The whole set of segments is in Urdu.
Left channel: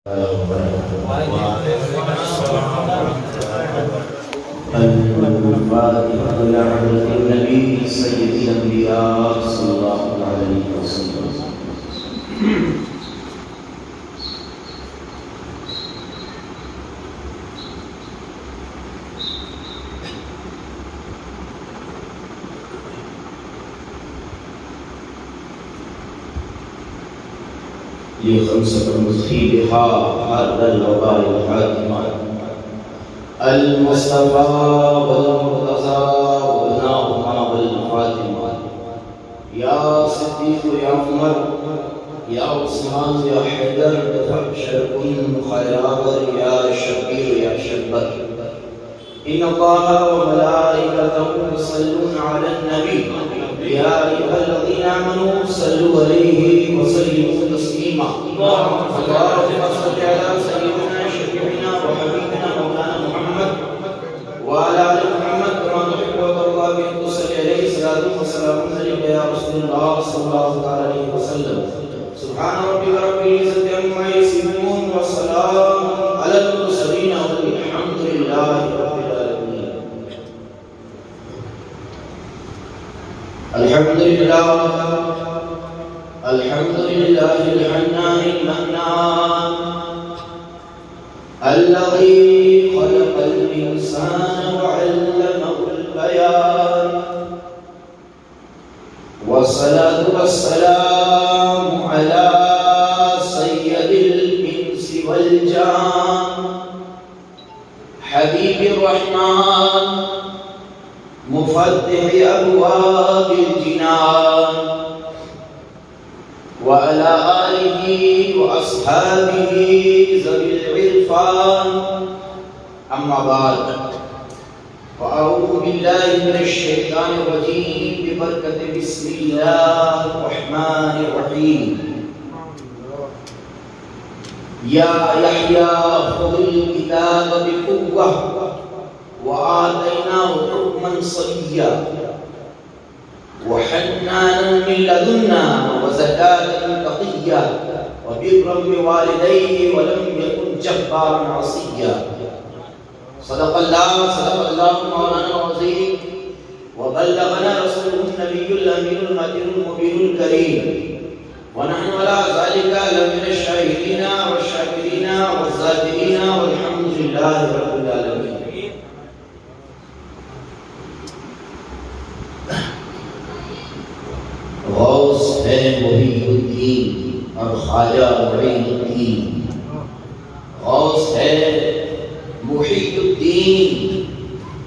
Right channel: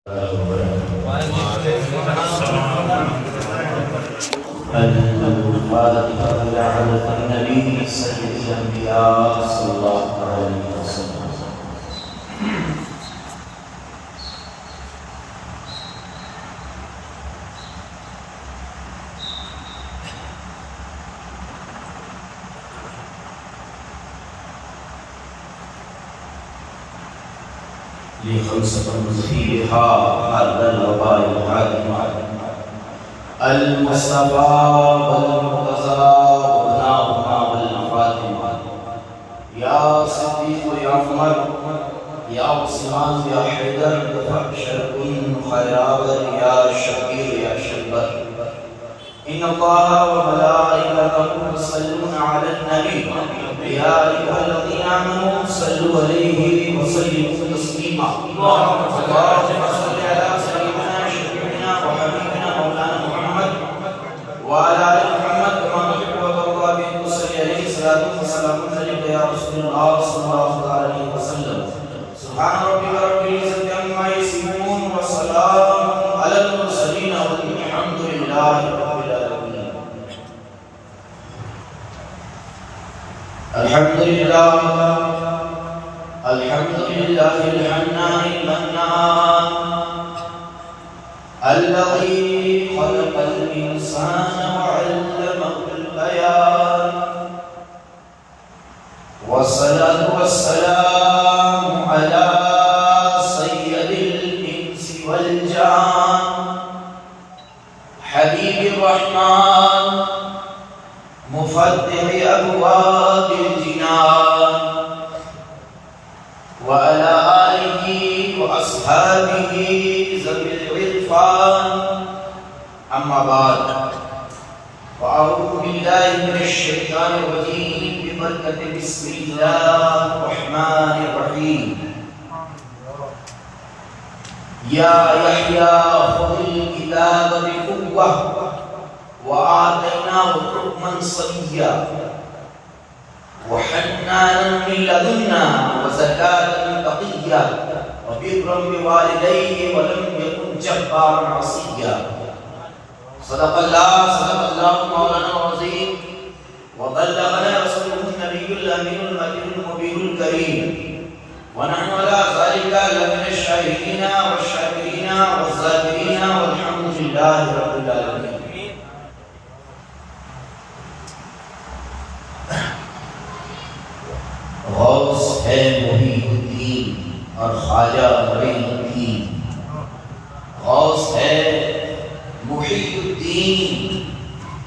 الفاتحة إلى حضرة النبي سيد الأنبياء صلى الله عليه وسلم. لخمسة فيها هذا الوباء الحاكم المصطفى والمرتضى وابناهما والفاطمة يا صديق يا عمر يا عثمان يا حيدر فابشر كن خيرابر يا شبير يا شبر إن الله وملائكته يصلون على النبي يا أيها الذين آمنوا صلوا عليه وسلموا تسليما اللهم صل على سيدنا شفيعنا وحبيبنا مولانا محمد وعلى آل محمد كما تحب وترضى به تصلي عليه صلاة وسلام عليك يا رسول الله صلى الله عليه وسلم. سبحان ربك رب العزة عما يصفون وسلام على المرسلين والحمد لله رب العالمين. الحمد لله الحنان المنان الذي خلق الإنسان وعلمه البيان والصلاة والسلام على سيد الإنس والجان حبيب الرحمن مفتح أبواب الجنان وعلى آله وأصحابه ذوي العرفان. أما بعد فأعوذ بالله من الشيطان الرجيم ببركة بسم الله الرحمن الرحيم. يا يحيى خذ الكتاب بقوة وآتيناه حكما صبيا وحنانا من لدنا وزكاة تقيا وبرا بوالديه ولم يكن جبارا عصيا. صدق الله مولانا العظيم وبلغنا رسوله النبي الأمين المكين المبين الكريم ونحن على ذلك لمن الشاهدين والشاكرين والذاكرين والحمد لله رب العالمين. غوث ہے محی الدین اور خواجہ معین الدین. غوث ہے محی الدین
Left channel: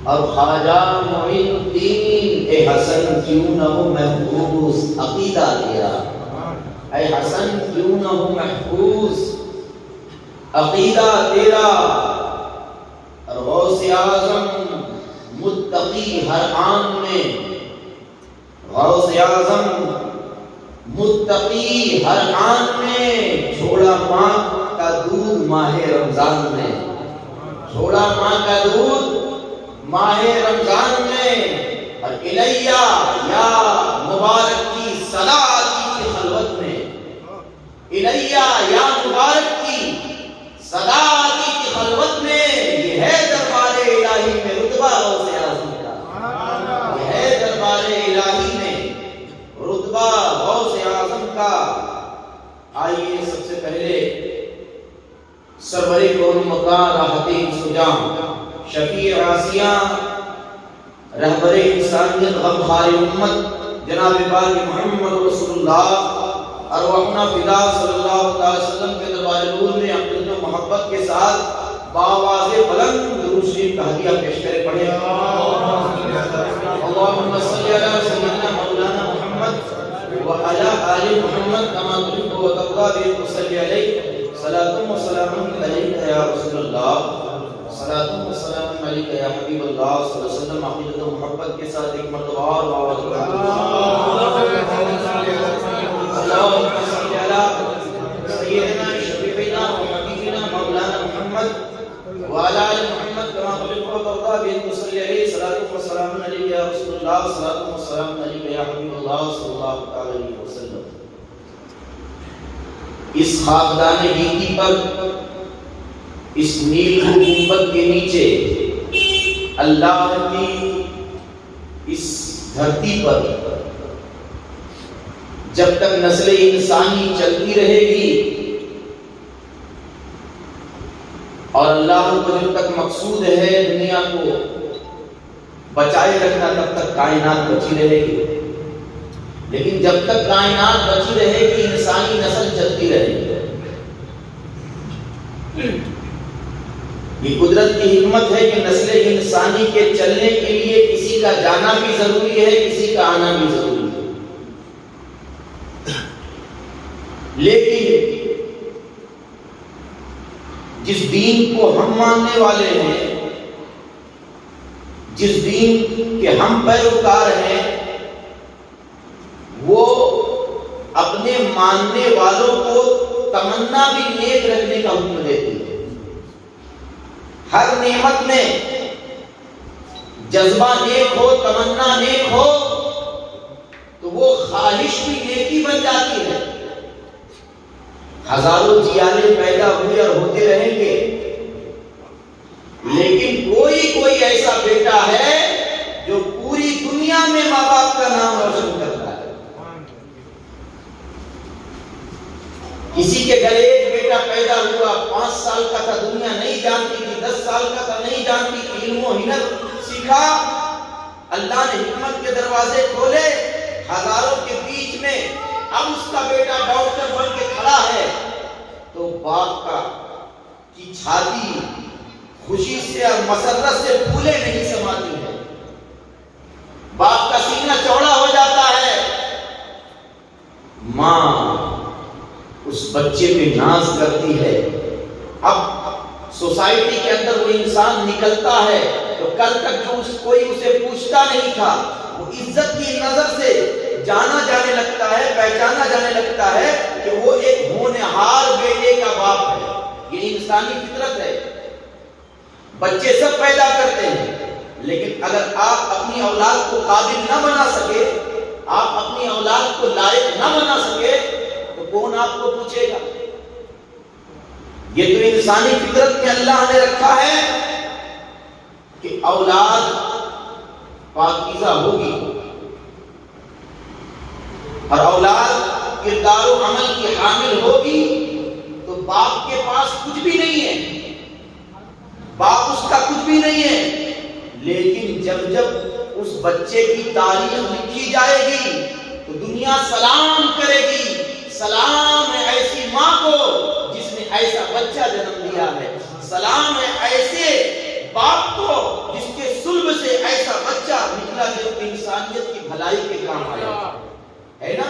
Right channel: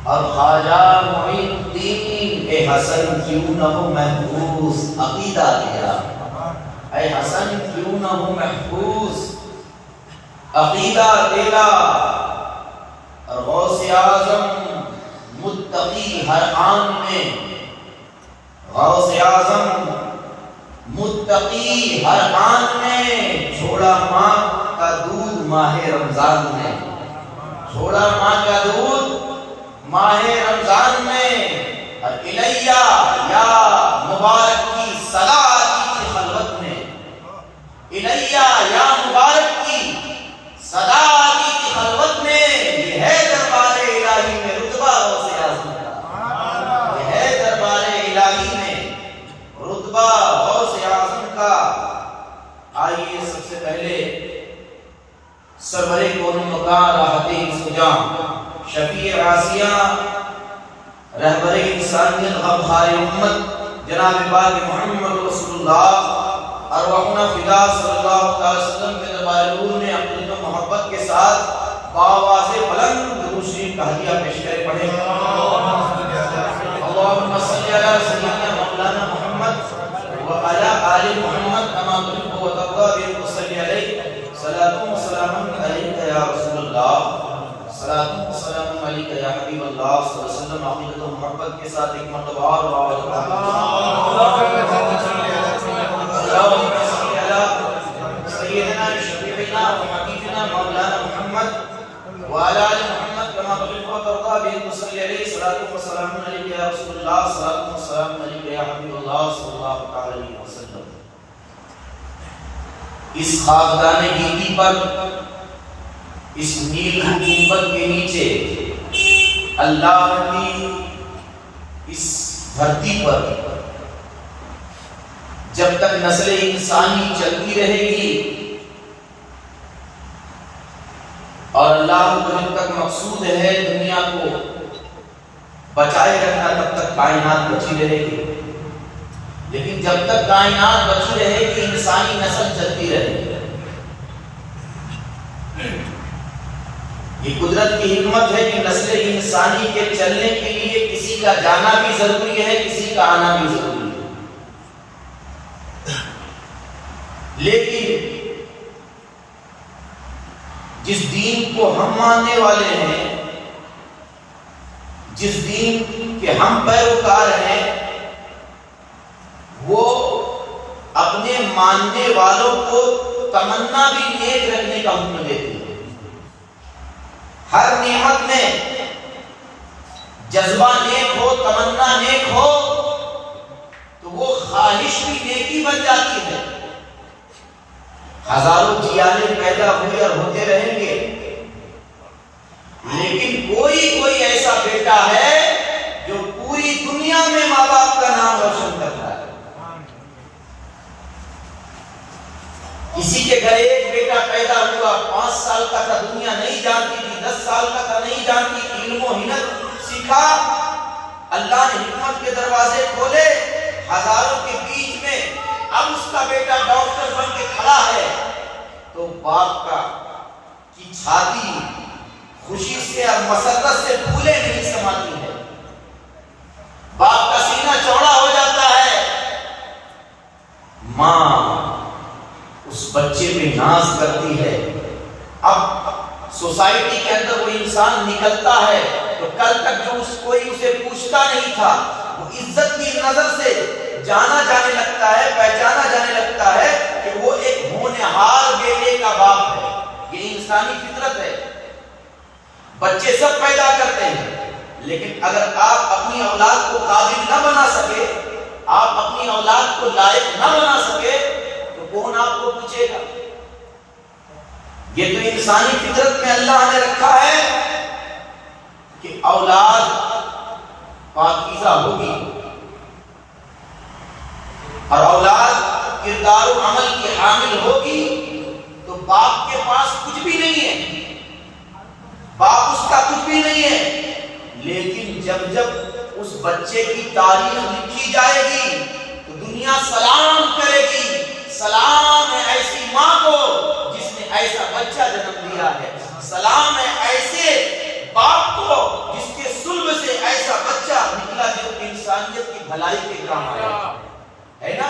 اور خواجہ معین الدین. اے حسن کیوں نہ ہو محفوظ عقیدہ تیرا. اے حسن کیوں نہ ہو محفوظ عقیدہ تیرا. اور غوث اعظم متقی ہر آن میں. غوث اعظم متقی ہر آن میں. چھوڑا ماں کا دودھ ماہ رمضان میں. چھوڑا ماں کا دودھ ماہ رمضان میں. اور الیہ یا مبارک کی صدا آتی تھی خلوت میں. الیہ یا مبارک کی صدا آتی تھی خلوت میں. یہ ہے دربار الہی میں رتبہ غوث اعظم کا. یہ ہے دربار الہی میں رتبہ غوث اعظم کا. آئیے سب سے پہلے سرور کون مکان راحت سجاں شفیع آسیاں رہبر انسانیت غمخوار امت جناب پاک محمد رسول اللہ ارواحنا فدا صلی اللہ علیہ وسلم کے دربار نور میں عقیدت و محبت کے ساتھ باواز بلند درود شریف کا ہدیہ پیش کرے. پڑھیں اللهم صل على سيدنا مولانا محمد وعلى آل محمد كما تحب وترضى به وصلي عليه صلاة وسلام عليك يا رسول الله صلاة وسلام عليك يا حبيب الله صلى الله عليه وسلم. عقیدت و محبت کے ساتھ ایک مرتبہ اور اللهم صل على سيدنا شفيعنا وحبيبنا مولانا محمد وعلى آل محمد كما تحب وترضى به وصلي عليه صلاة وسلام عليك يا رسول الله صلاة وسلام عليك يا حبيب الله صلى الله عليه وسلم. اس خاکدان گیتی پر، اس نیل حکومت کے نیچے اللہ کی اس دھرتی پر جب تک نسل انسانی چلتی رہے گی اور اللہ کو جب تک مقصود ہے دنیا کو بچائے رکھنا تب تک کائنات بچی رہے گی، لیکن جب تک کائنات بچی رہے گی انسانی نسل چلتی رہے گی۔ یہ قدرت کی حکمت ہے کہ نسل انسانی کے چلنے کے لیے کسی کا جانا بھی ضروری ہے، کسی کا آنا بھی ضروری ہے، لیکن جس دین کو ہم ماننے والے ہیں، جس دین کے ہم پیروکار ہیں، وہ اپنے ماننے والوں کو تمنا بھی نیک رکھنے کا حکم دیتی ہے۔ ہر نعمت میں جذبہ نیک ہو، تمنا نیک ہو تو وہ خواہش بھی نیکی بن جاتی ہے۔ ہزاروں جیالے پیدا ہوئے اور ہوتے رہیں گے، لیکن کوئی ایسا بیٹا ہے جو پوری دنیا میں ماں باپ کا نام روشن کرتا ہے۔ کسی کے گھر ایک بیٹا پیدا ہوا، 5 سال کا تھا، دنیا نہیں جانتی تھی، 10 سال کا تھا، نہیں جانتی تھی، علم و ہنر سیکھا، اللہ نے حکمت کے دروازے کھولے، ہزاروں کے بیچ میں اب اس کا بیٹا ڈاکٹر بن کے کھڑا ہے، تو باپ کی چھاتی خوشی سے اور مسرت سے پھولے نہیں سماتی ہے، باپ کا سینہ چوڑا ہو جاتا ہے، ماں اس بچے پہ ناز کرتی ہے۔ اب سوسائٹی کے اندر وہ انسان نکلتا ہے تو کل تک جو کوئی اسے پوچھتا نہیں تھا، وہ عزت کی نظر سے جانا جانے لگتا ہے، پہچانا جانے لگتا ہے کہ وہ ایک ہونہار بیٹے کا باپ ہے۔ یہ انسانی فطرت ہے، بچے سب پیدا کرتے ہیں، لیکن اگر آپ اپنی اولاد کو قابل نہ بنا سکے، آپ اپنی اولاد کو لائق نہ بنا سکے تو کون آپ کو پوچھے گا؟ یہ تو انسانی فطرت میں اللہ نے رکھا ہے کہ اولاد پاکیزہ ہوگی، اور اولاد کردار و عمل کی حامل ہوگی، تو باپ کے پاس کچھ بھی نہیں ہے، باپ اس کا کچھ بھی نہیں ہے، لیکن جب اس بچے کی تاریخ لکھی جائے گی تو دنیا سلام کرے گی، سلام ہے ایسی ماں کو جس نے ایسا بچہ جنم دیا ہے، سلام ہے ایسے باپ کو جس کے صلب سے ایسا بچہ نکلا جو انسانیت کی بھلائی کے کام آیا ہے نا۔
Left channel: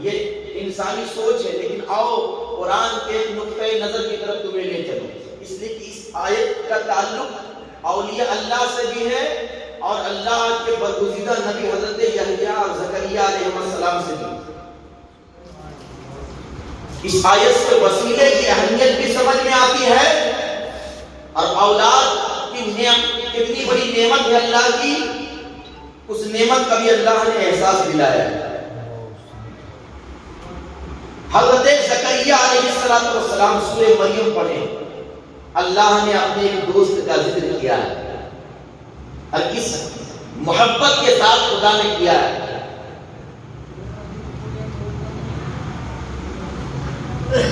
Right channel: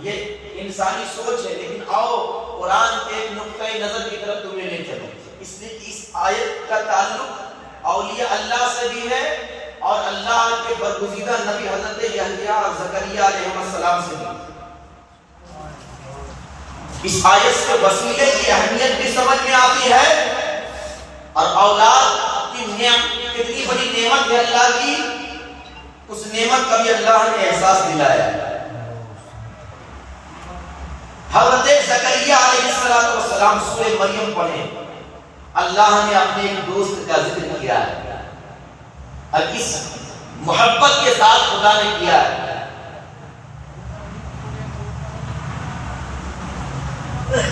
یہ انسانی سوچ ہے، لیکن آؤ قرآن کے ایک نقطۂ نظر کی طرف تمہیں لے چلو، اس لیے کہ اس آیت کا تعلق اولیاء اللہ سے بھی ہے اور اللہ کے برگزیدہ نبی حضرت یحییٰ اور زکریا علیہ السلام سے بھی۔ اس آیت سے وسیلے کی اہمیت بھی سمجھ میں آتی ہے، اور اولاد کی کتنی بڑی نعمت ہے اللہ کی، اس نعمت کا بھی اللہ نے احساس دلایا۔ حضرت زکریا علیہ السلام سورہ مریم پڑھیں، اللہ نے اپنے ایک دوست کا ذکر کیا ہے اور کس محبت کے ساتھ خدا نے کیا ہے۔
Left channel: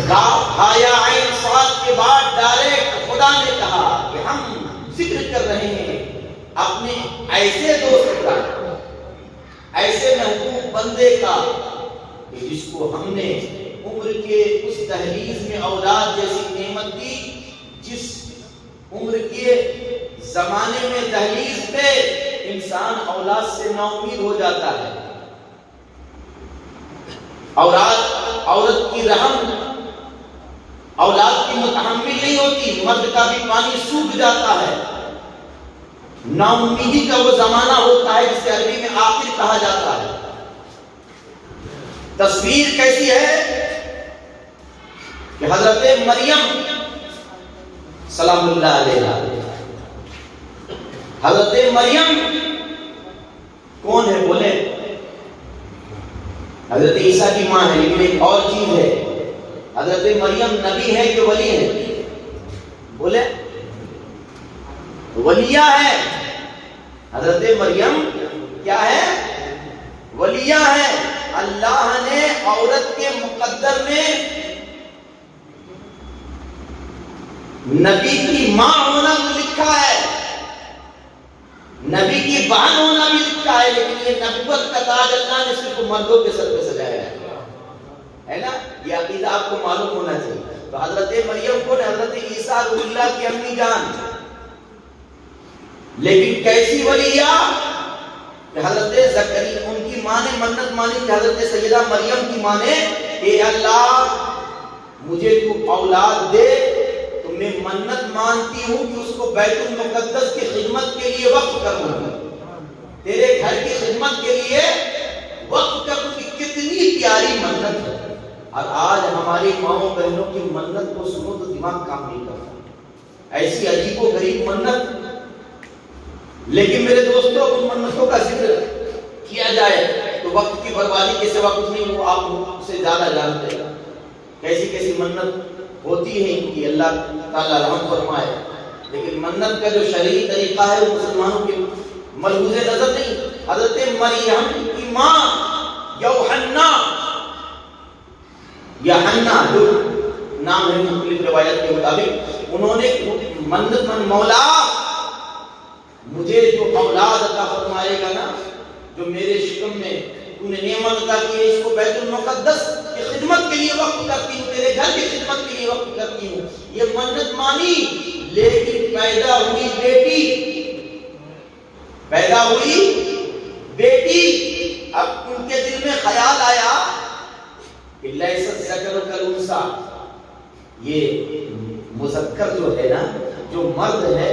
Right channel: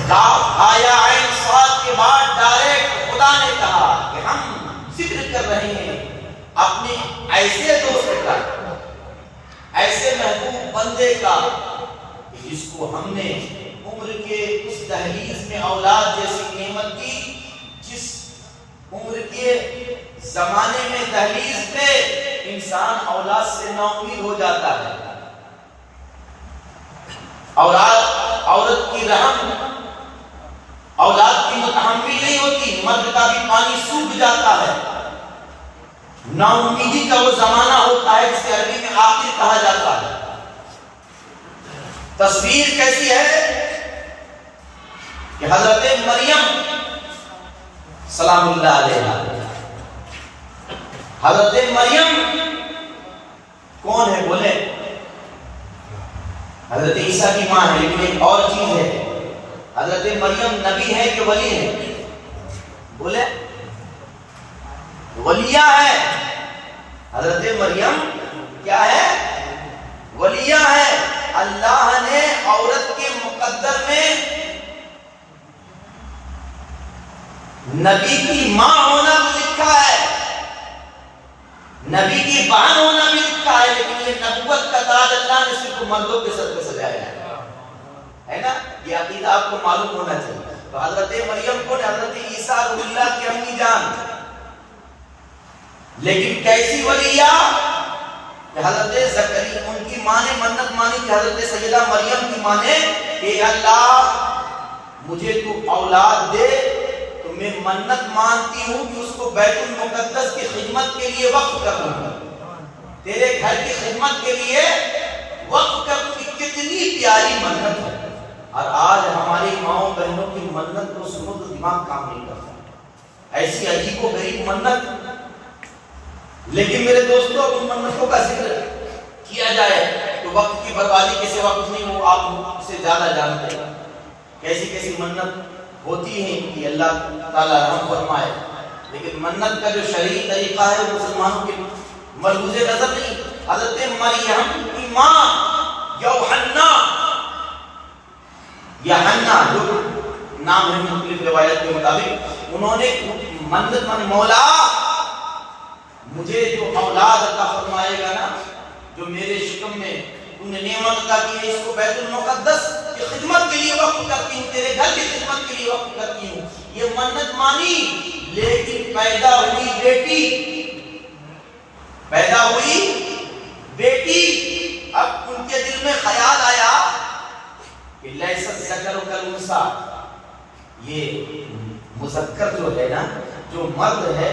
کاف آیا عین صاد کے بعد ڈائریکٹ خدا نے کہا کہ ہم ذکر کر رہے ہیں اپنے ایسے دوست کا، ایسے محبوب بندے کا کہ جس کو ہم نے عمر کے اس دہلیز میں اولاد جیسی نعمت دی، جس عمر کے زمانے میں دہلیز پہ انسان اولاد سے نا امید ہو جاتا ہے، عورت کی رحم اولاد کی متحمل نہیں ہوتی، مرد کا بھی پانی سوکھ جاتا ہے، نا امیدی کا وہ زمانہ ہوتا ہے جسے عربی میں آخر کہا جاتا ہے۔ تصویر کیسی ہے کہ حضرت مریم سلام اللہ علیہ، حضرت مریم کون ہے بولے؟ حضرت عیسیٰ کی ماں ہے، لیکن ایک اور چیز ہے حضرت مریم نبی ہے کہ ولی ہے؟ بولے ولیہ ہے. حضرت مریم کیا ہے؟ ولیہ ہے. اللہ نے عورت کے مقدر میں نبی کی ماں ہونا بھی لکھا ہے, نبی کی بہن ہونا بھی لکھا ہے, لیکن یہ نبوت کا تاج اللہ نے صرف مردوں کے سر پہ سجایا ہے نا. یہ عقیدہ آپ کو معلوم ہونا چاہیے. تو حضرت مریم کو حضرت عیسیٰ روح اللہ کی امی جان, لیکن کیسی ولیہ کہ حضرت زکریا ان کی ماں نے منت مانی کہ حضرت سیدہ مریم کی ماں نے کہ اللہ مجھے تو اولاد دے, تو میں منت مانتی ہوں کہ اس کو بیت المقدس کی خدمت کے لیے وقف کر دوں گا, تیرے گھر کی خدمت کے لیے وقف کر دوں. کتنی پیاری منت ہے. اور آج ہماری ماؤں بہنوں کی منت کو سنو تو دماغ کام نہیں کرتا, ایسی عجیب و غریب منت. لیکن میرے دوستوں ان منتوں کا ذکر کیا جائے تو وقت کی بربادی کے سوا کچھ نہیں, وہ آپ سے زیادہ جانتے ہیں کیسی کیسی منت ہوتی ہے ان کی, اللہ تعالیٰ رحم فرمائے. لیکن منت کا جو شرعی طریقہ ہے وہ مسلمانوں کے ملحوظ نظر نہیں. حضرت مریم کی ماں یوحنا یا حنا جو نام ہے مختلف روایت کے مطابق, انہوں نے منت من مولا مجھے جو اولاد عطا فرمائے گا نا, جو میرے شکم میں تو نے نعمت عطا کی ہے, اس کو بیت المقدس کی خدمت کے لیے وقف کرتی ہوں, تیرے گھر کی خدمت کے لیے وقف کرتی ہوں. یہ منت مانی. لیکن پیدا ہوئی بیٹی, اب ان کے دل میں خیال آیا کہ لیس الذکر کالانثی, یہ مذکر جو ہے نا, جو مرد ہے,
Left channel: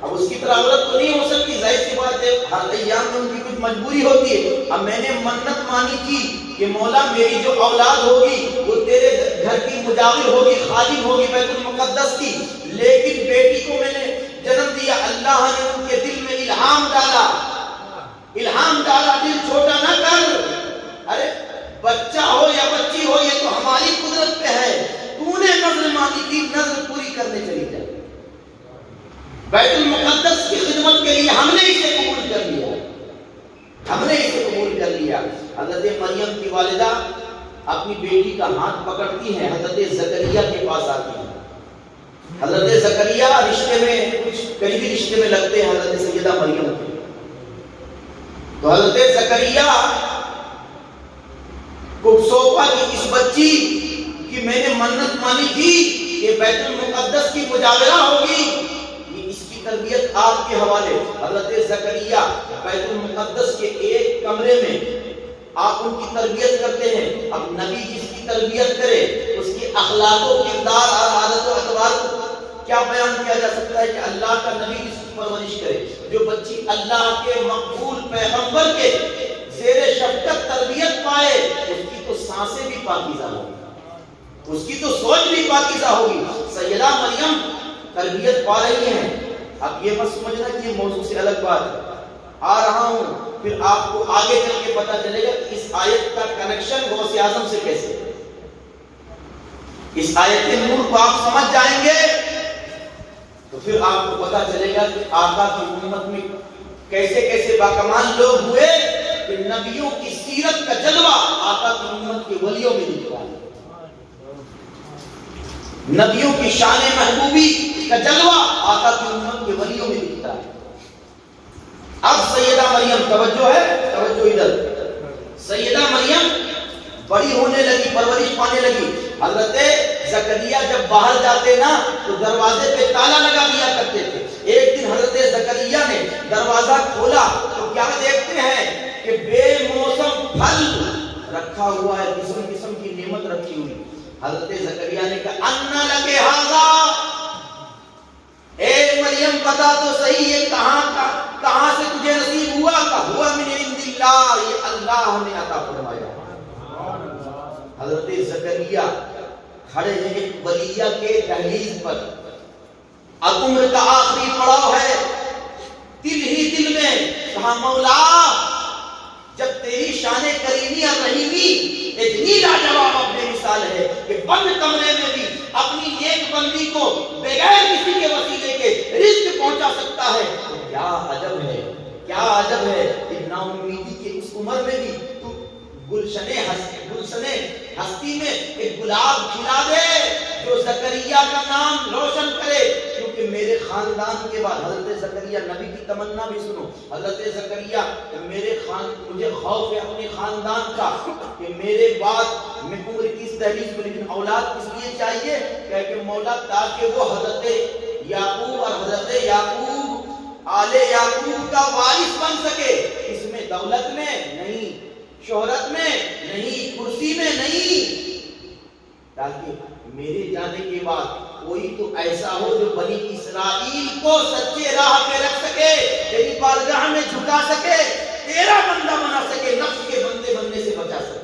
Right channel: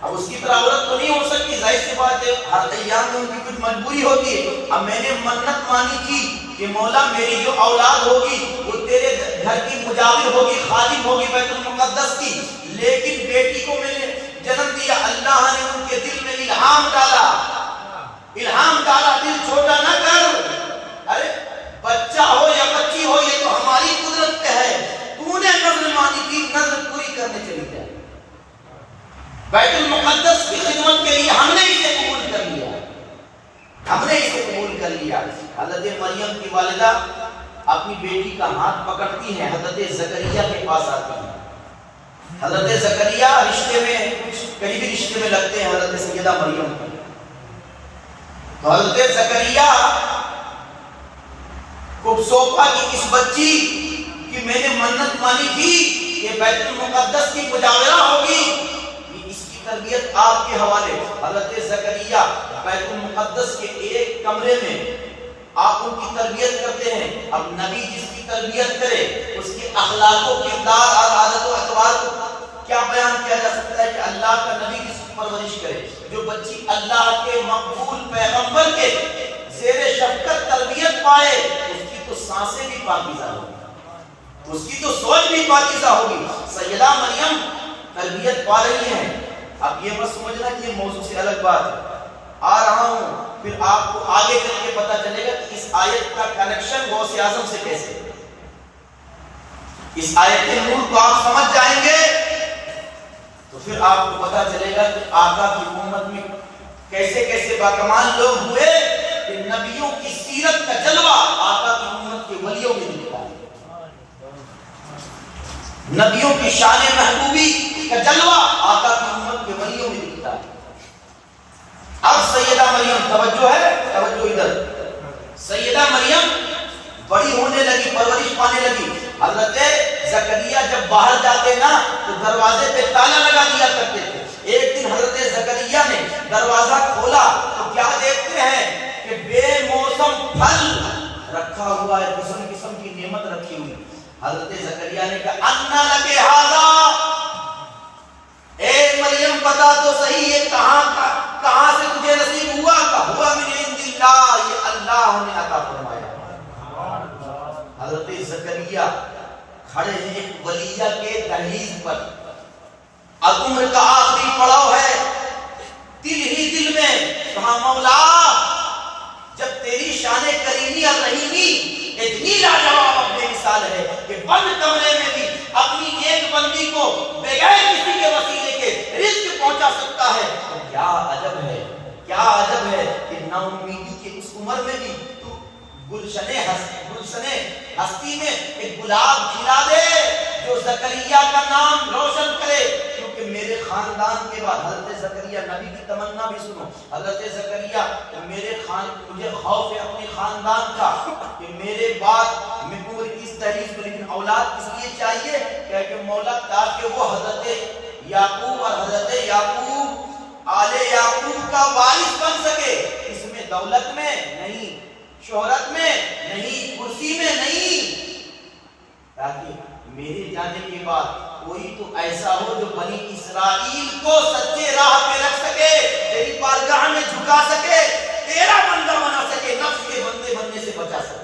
اب اس کی طرح عورت تو نہیں ہو سکتی, ظاہر سی بات ہے ہر ایام میں ان کی کچھ مجبوری ہوتی ہے. اب میں نے منت مانی تھی کہ مولا میری جو اولاد ہوگی وہ تیرے گھر کی مجاور ہوگی, خادم ہوگی بیت المقدس کی, لیکن بیٹی کو میں نے جنم دیا, اللہ نے ان کے دل میں الہام ڈالا, دل چھوٹا نہ کر, ارے بچہ ہو یا بچی ہو یہ تو ہماری قدرت پہ ہے, تو نے نظر مانی تھی, نظر پوری کرنے چلی جائے. بیت المقدس کی خدمت کے لیے ہم نے اسے قبول کر لیا. حضرت مریم کی والدہ اپنی بیٹی کا ہاتھ پکڑتی ہیں, حضرت زکریا کے پاس آتی ہیں. حضرت زکریا رشتے میں قریبی رشتے میں لگتے ہیں حضرت سیدہ مریم کے. تو حضرت زکریا کو سونپا کہ اس بچی کی میں نے منت مانی تھی کہ بیت المقدس کی مجاورہ ہوگی, اس کی تربیت آپ کے حوالے. حضرت زکریا بیت المقدس کے ایک کمرے میں آپ ان کی تربیت کرتے ہیں. اب نبی جس کی تربیت کرے اس کے اخلاق و کردار اور عادت و اطوار کو کیا بیان کیا جا سکتا ہے کہ اللہ کا نبی جس کی پرورش کرے, جو بچی اللہ کے مقبول پیغمبر کے زیر شفقت تربیت پائے, اس کی تو سانسیں بھی پاکیزہ ہوگی, اس کی تو سوچ بھی پاکیزہ ہوگی. سیدہ مریم تربیت پا رہی ہیں. اب یہ مت سمجھنا کہ یہ موضوع سے الگ بات ہے, آ رہا ہوں پھر آپ کو آگے چل کے پتا چلے گا کہ اس آیت کا کنیکشن غوث اعظم سے کیسے ہے. اس آیت نور کو آپ سمجھ جائیں گے تو پھر آپ کو پتا چلے گا کہ آقا کی امت میں کیسے کیسے باکمال لوگ ہوئے کہ نبیوں کی سیرت کا جلوہ آقا کی امت کے ولیوں میں دکھتا ہے, نبیوں کی شان محبوبی کا جلوہ آقا کی امت کے ولیوں میں دکھتا ہے. اب سیدہ مریم, توجہ ہے, توجہ ادھر. سیدہ مریم بڑی ہونے لگی, پرورش پانے لگی. حضرت زکریا جب باہر جاتے نا تو دروازے پہ تالا لگا دیا کرتے تھے. ایک دن حضرت زکریا نے دروازہ کھولا تو کیا دیکھتے ہیں کہ بے موسم پھل رکھا ہوا ہے, قسم قسم کی نعمت رکھی ہوئی. حضرت زکریا نے کہا انا لکے ھذا, اے مریم بتا تو صحیح یہ کہاں سے تجھے نصیب ہوا؟ ہوا من عند اللہ, یہ اللہ نے عطا فرمایا. حضرت زکریا کھڑے ہیں ایک ولیہ کے دہلیز پر, اب عمر کا آخری پڑاؤ ہے, دل ہی دل میں کہا مولا جب تیری شان کریمی اور رحیمی اتنی لاجواب بے مثال ہے کہ بند کمرے میں بھی اپنی ایک بندی کو بغیر کسی کے وسیلے کے رزق پہنچا سکتا ہے، تو کیا عجب ہے، کیا عجب ہے کہ نا امیدی کی اس عمر میں بھی تو گلشنے ہستی میں ایک گلاب کھلا دے جو زکریا کا نام روشن کرے. کیونکہ میرے خاندان کے بعد حضرت زکریا نبی کی تمنا بھی سنو، حضرت زکریا مجھے خوف ہے اپنے خاندان کا کہ میرے بعد میں عمر کی اس دہلیز میں لیکن اولاد کس لیے چاہیے کہ مولا تاکہ وہ حضرت یعقوب اور حضرت یعقوب آل یعقوب کا وارث بن سکے. اس میں دولت میں نہیں، شہرت میں نہیں، کرسی میں نہیں، تاکہ میرے جانے کے بعد کوئی تو ایسا ہو جو بنی اسرائیل کو سچے راہ پہ رکھ سکے، تیری بارگاہ میں جھکا سکے، تیرا بندہ بنا سکے، نفس کے بندے بننے سے بچا سکے.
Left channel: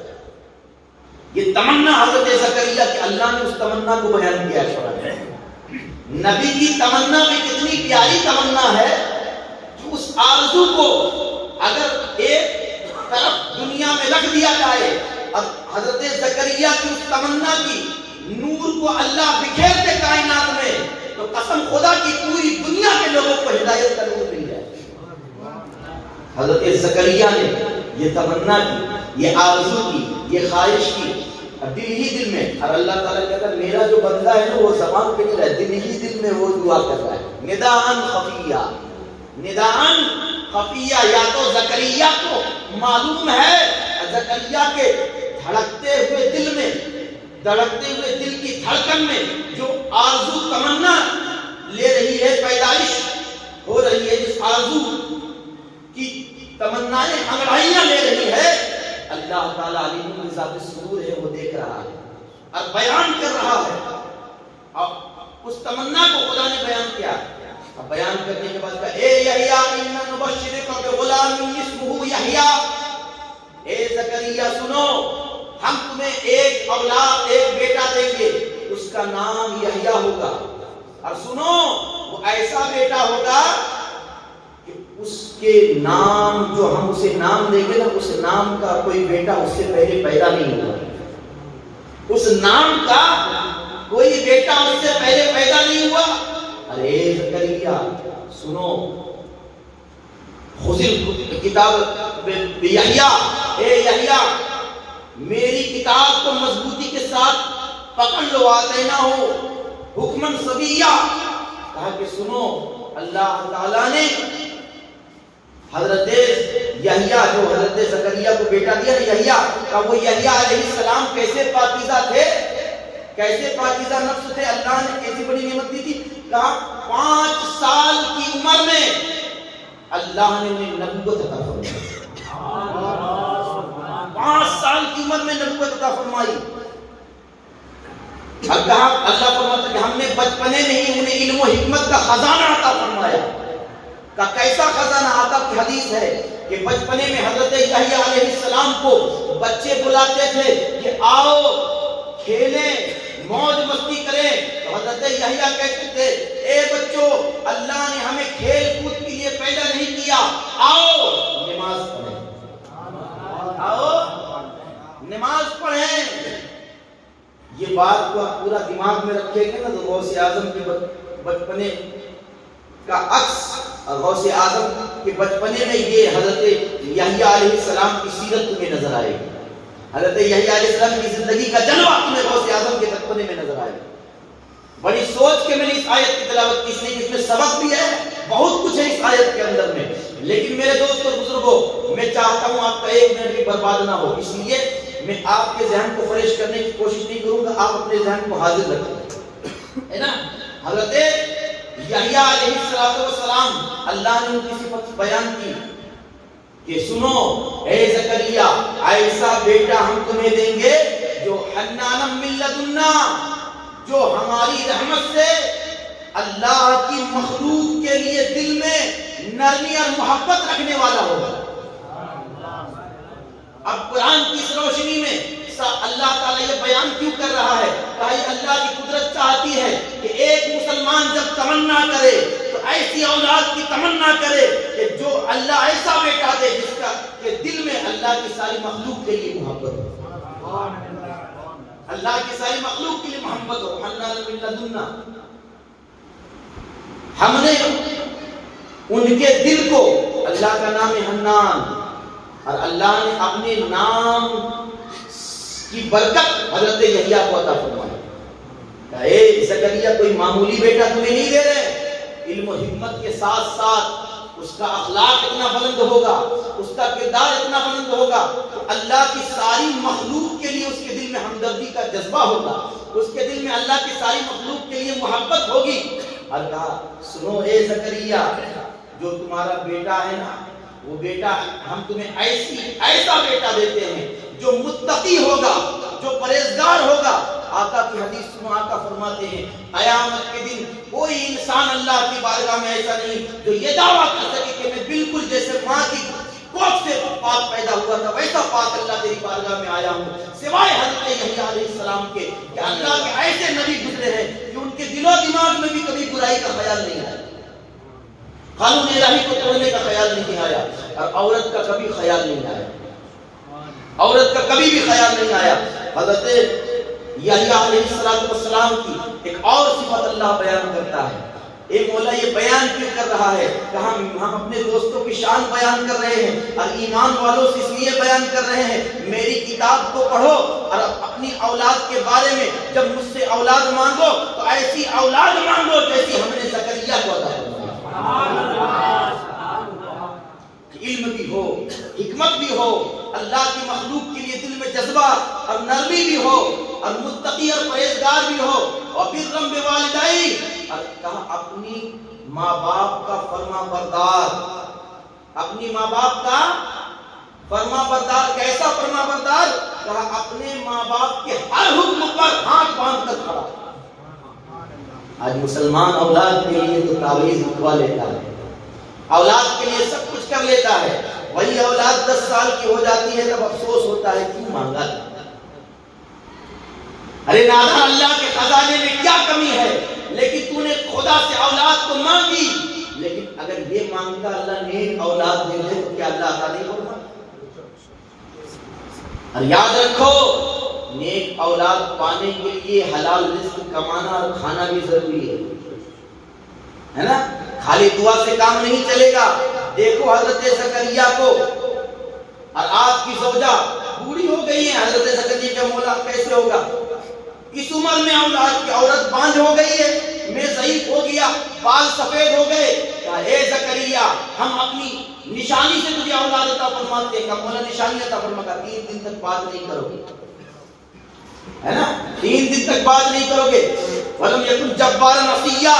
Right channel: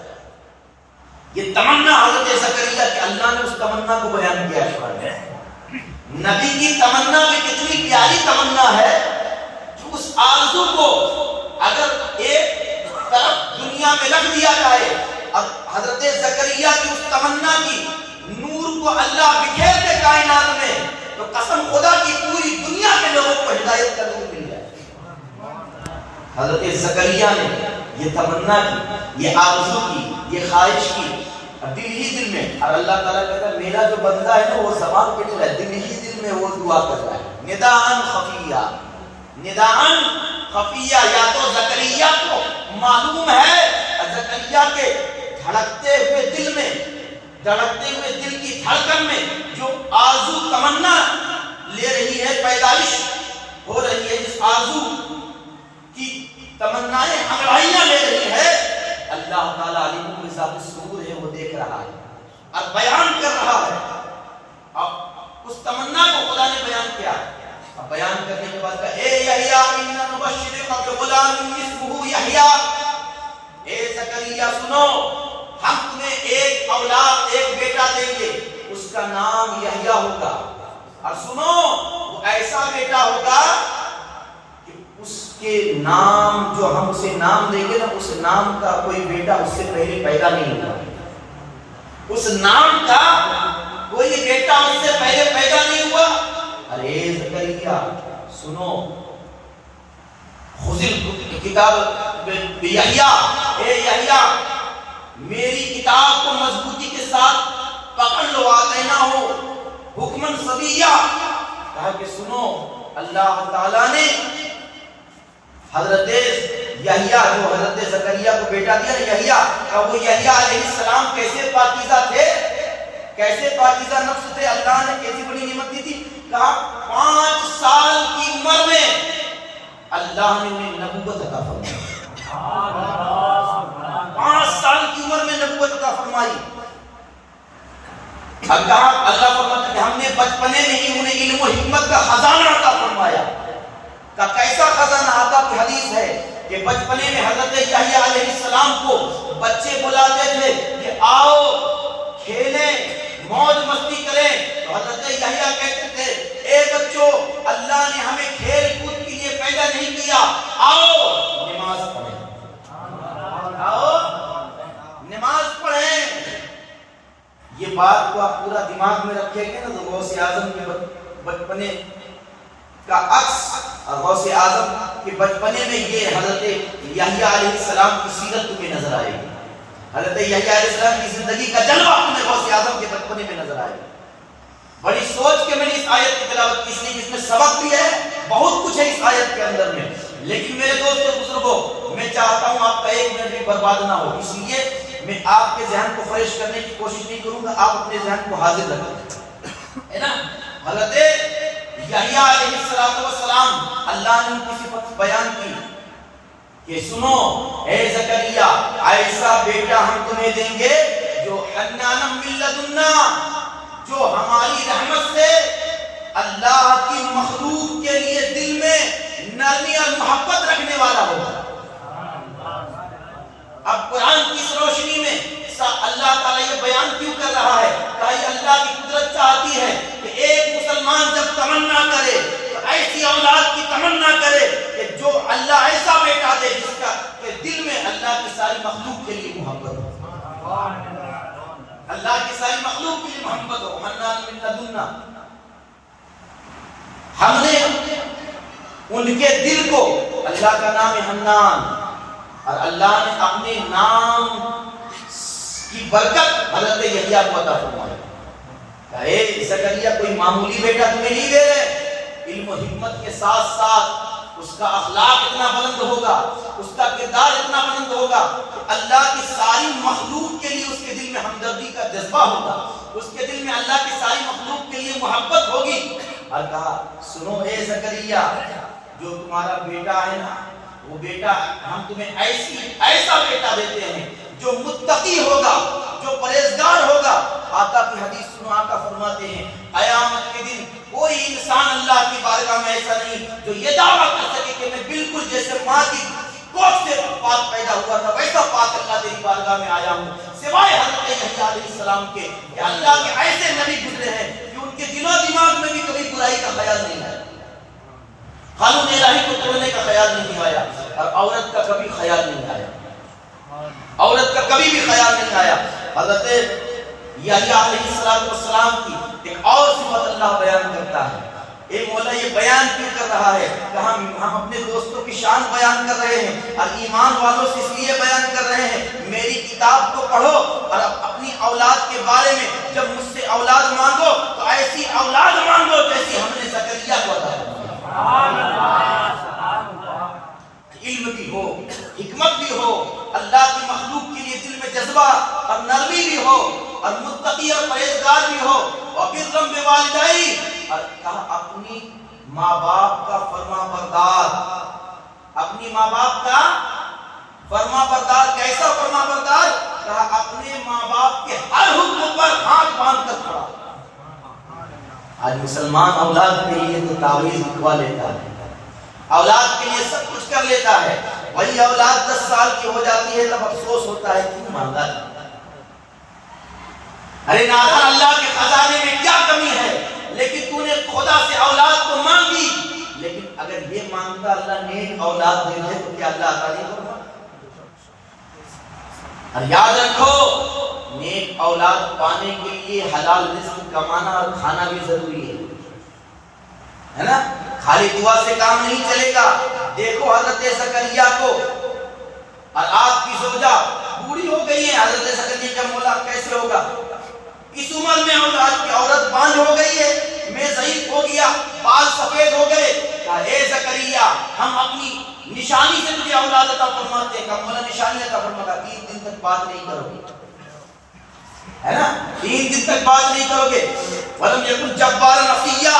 یہ تمنا حضرت زکریا کہ اللہ نے اس تمنا کو بیان کیا ہے. نبی کی تمنا بھی کتنی پیاری تمنا ہے کہ اس آرزو کو اگر ایک طرف دنیا میں رکھ دیا جائے، اب حضرت زکریا کی اس تمنا کی نور کو اللہ بکھیر دے کائنات میں، تو قسم خدا کی پوری دنیا کے لوگوں کو ہدایت کرنے کو مل جائے. حضرت زکریا نے یہ تمنا کی، یہ آرزو کی، یہ خواہش کی دل ہی دل میں، اور اللہ تعالیٰ کہتا ہے میرا جو بندہ ہے نا وہ زبان پہ نہیں رہا، دل ہی دل میں وہ دعا کر رہا ہے. نداءً خفیہ، نداءً خفیہ. یا تو زکریا کو معلوم ہے، زکریا کے دھڑکتے ہوئے دل میں، دھڑکتے ہوئے دل کی دھڑکن میں جو آرزو تمنا لے رہی ہے، پیدائش ہو رہی ہے، جس آرزو کی تمنائیں انگڑائیاں لے رہی ہے، اللہ تعالیٰ علیم بذات الصدور ہے، وہ دیکھ رہا ہے اور بیان کر رہا ہے. اب اس تمنا کو خدا نے بیان کیا. اب بیان کرنے کے بعد کہا اے یحییٰ انا نبشرک بغلام اسمہ یحییٰ، اے زکریا سنو، ہم تمہیں ایک اولاد، ایک بیٹا دیں گے، اس کا نام یحییٰ ہوگا. اور سنو وہ ایسا بیٹا ہوگا کہ اس کے نام جو ہم اسے نام دیں گے نا، اس نام کا کوئی بیٹا اس سے پہلے پیدا نہیں ہوگا. اس نام کا کوئی بیٹا اس سے پہلے پیدا نہیں ہوا. ارے زکریا سنو، خذ کتاب یحییٰ، اے یحییٰ میری کتاب کو مضبوطی کے ساتھ پکڑ لو، آتینا ہو حکمن صبیہ. کہا کہ سنو اللہ تعالیٰ نے حضرت یحییٰ جو حضرت زکریا کو بیٹا دیا یحییٰ، وہ یحییٰ علیہ السلام کیسے پاکیزہ تھے، کیسے پاکیزہ نفس تھے، اللہ نے کیسی بڑی نعمت دی تھی. کہا 5 سال کی عمر میں اللہ نے انہیں نبوت عطا فرمائی. 5 سال کی عمر میں نبوت عطا فرمائی. اب کہا اللہ فرماتا کہ ہم نے بچپنے میں ہی انہیں علم و حکمت کا خزانہ عطا فرمایا. کا کیسا خزانہ؟ آقا کی حدیث ہے کہ بچپنے میں حضرت یحییٰ علیہ السلام کو بچے بلاتے تھے کہ آؤ کھیلیں، موج مستی کریں، تو حضرت یحییٰ کہتے تھے اے بچوں، اللہ نے ہمیں کھیل کود کے لیے پیدا نہیں کیا، آؤ نماز پڑھیں، آؤ نماز پڑھیں. یہ بات کو آپ پورا دماغ میں رکھیں گے نا تو غوث اعظم کے بچپنے کا عکس، غوث اعظم کے بچپنے میں یہ حضرت یحییٰ علیہ السلام کی سیرت تمہیں نظر آئے گی. حضرت یحییٰ علیہ السلام کی زندگی کا جلوہ تمہیں غوث اعظم کے بچپنے میں نظر آئے گا. بڑی سوچ کے میں نے اس آیت کی تلاوت کی، اس لیے اس میں سبق بھی ہے، بہت کچھ ہے اس آیت کے اندر میں. لیکن میرے دوست اور بزرگوں، میں چاہتا ہوں آپ کا 1 منٹ بھی برباد نہ ہو، اس لیے میں آپ کے ذہن کو فریش کرنے کی کوشش نہیں کروں گا، آپ اپنے ذہن کو حاضر رکھیں، ہے نا. حضرت یحییٰ علیہ السلام، اللہ نے ان کی صفت بیان کی کہ سنو اے زکریا، ایسا بیٹا ہم تمہیں دیں گے جو حنانم من لدنا، جو ہماری رحمت سے اللہ کی مخلوق کے لیے دل میں نرمی اور محبت رکھنے والا ہوگا. اب قرآن کی اس روشنی میں اللہ تعالیٰ یہ بیان کیوں کر رہا ہے؟ بھائی اللہ کی قدرت چاہتی ہے کہ ایک مسلمان جب تمنا کرے تو ایسی اولاد کی تمنا کرے کہ جو اللہ ایسا بیٹا دے جس کا کہ دل میں اللہ کی ساری مخلوق کے لیے محبت ہو. اللہ کی ساری مخلوق کے لیے محبت ہو. حنان من لدنا، ہم نے ان کے دل کو، اللہ کا نام ہے حنان، اور اللہ نے اپنے نام کی برکت حضرت یحییٰ کو عطا فرمایا. اے زکریا کوئی معمولی بیٹا تمہیں نہیں دے رہے، علم و حکمت کے ساتھ ساتھ اس کا اخلاق اتنا بلند ہوگا، اس کا کردار اتنا بلند ہوگا کہ اللہ کی ساری مخلوق کے لیے اس کے دل میں ہمدردی کا جذبہ ہوگا، اس کے دل میں اللہ کی ساری مخلوق کے لیے محبت ہوگی. اور کہا سنو اے زکریا، جو تمہارا بیٹا ہے نا، وہ بیٹا ہم تمہیں ایسا بیٹا دیتے ہیں جو متقی ہوگا، جو پرہیزگار ہوگا. آقا کی حدیث سنو، آقا فرماتے ہیں قیامت کے دن کوئی انسان اللہ کی بارگاہ میں ایسا نہیں جو یہ دعویٰ کر سکے کہ میں بالکل جیسے ماں کی کوکھ سے پاک پیدا ہوا تھا ویسا پاک اللہ تیری بارگاہ میں آیا ہوں، سوائے حضرت یحییٰ علیہ السلام کے کہ اللہ کے ایسے نبی گزرے ہیں کہ ان کے دل و دماغ میں بھی کبھی برائی کا خیال نہیں آیا، قانون الہی کو توڑنے کا خیال نہیں آیا، اور عورت کا کبھی خیال نہیں آیا، عورت کا کبھی بھی خیال نہیں آیا. حضرت یحییٰ علیہ السلام کی ایک اور صفت اللہ بیان کرتا ہے. اے مولا یہ بیان کیوں کر رہا ہے کہ ہم اپنے دوستوں کی شان بیان کر رہے ہیں اور ایمان والوں سے اس لیے بیان کر رہے ہیں میری کتاب کو پڑھو اور اپنی اولاد کے بارے میں جب مجھ سے اولاد مانگو تو ایسی اولاد مانگو جیسی ہم نے زکریا کو عطا فرمایا. علم بھی ہو، حکمت بھی ہو، اللہ کی مخلوق کے لیے دل میں جذبہ اور نرمی بھی ہو، اور متقی اور پرہیزگار بھی ہو، اور برم بوالدئی، اور کہا اپنی ماں باپ کا فرما بردار، اپنی ماں باپ کا فرما بردار. کیسا فرما بردار؟ کہا اپنے ماں باپ کے ہر حکم پر ہاتھ باندھ کر کھڑا. آج مسلمان اولاد کے لیے تو تعویذ لکھوا لیتا ہے، اولاد کے لیے سب کچھ کر لیتا ہے، وہی اولاد 10 سال کی ہو جاتی ہے تب افسوس ہوتا ہے کیوں مانگا تھا. ارے نادان، اللہ کے خزانے میں کیا کمی ہے، لیکن تو نے خدا سے اولاد تو مانگی، لیکن اگر یہ مانگتا اللہ نیک اولاد دے دے تو کیا اللہ عطا نہیں کرتا؟ اور یاد رکھو نیک اولاد پانے کے لیے حلال رزق کمانا اور کھانا بھی ضروری ہے نا. خالی دعا سے کام نہیں چلے گا. دیکھو حضرت زکریا کو، اور آپ کی زوجہ بوڑھی ہو گئی ہے، حضرت زکریا کا مولا کیسے ہوگا؟ اس عمر میں اولاد کی عورت بانجھ ہو گئی ہے، میں ضعیف ہو گیا، بال سفید ہو گئے. کہا اے زکریا ہم اپنی نشانی سے تجھے اولاد عطا فرماتے ہیں. کہا مولا نشانی عطا فرماتا 3 دن تک بات نہیں کرو گے، ہے نا، 3 دن تک بات نہیں کرو گے. ولم یکن جبارا عصیا،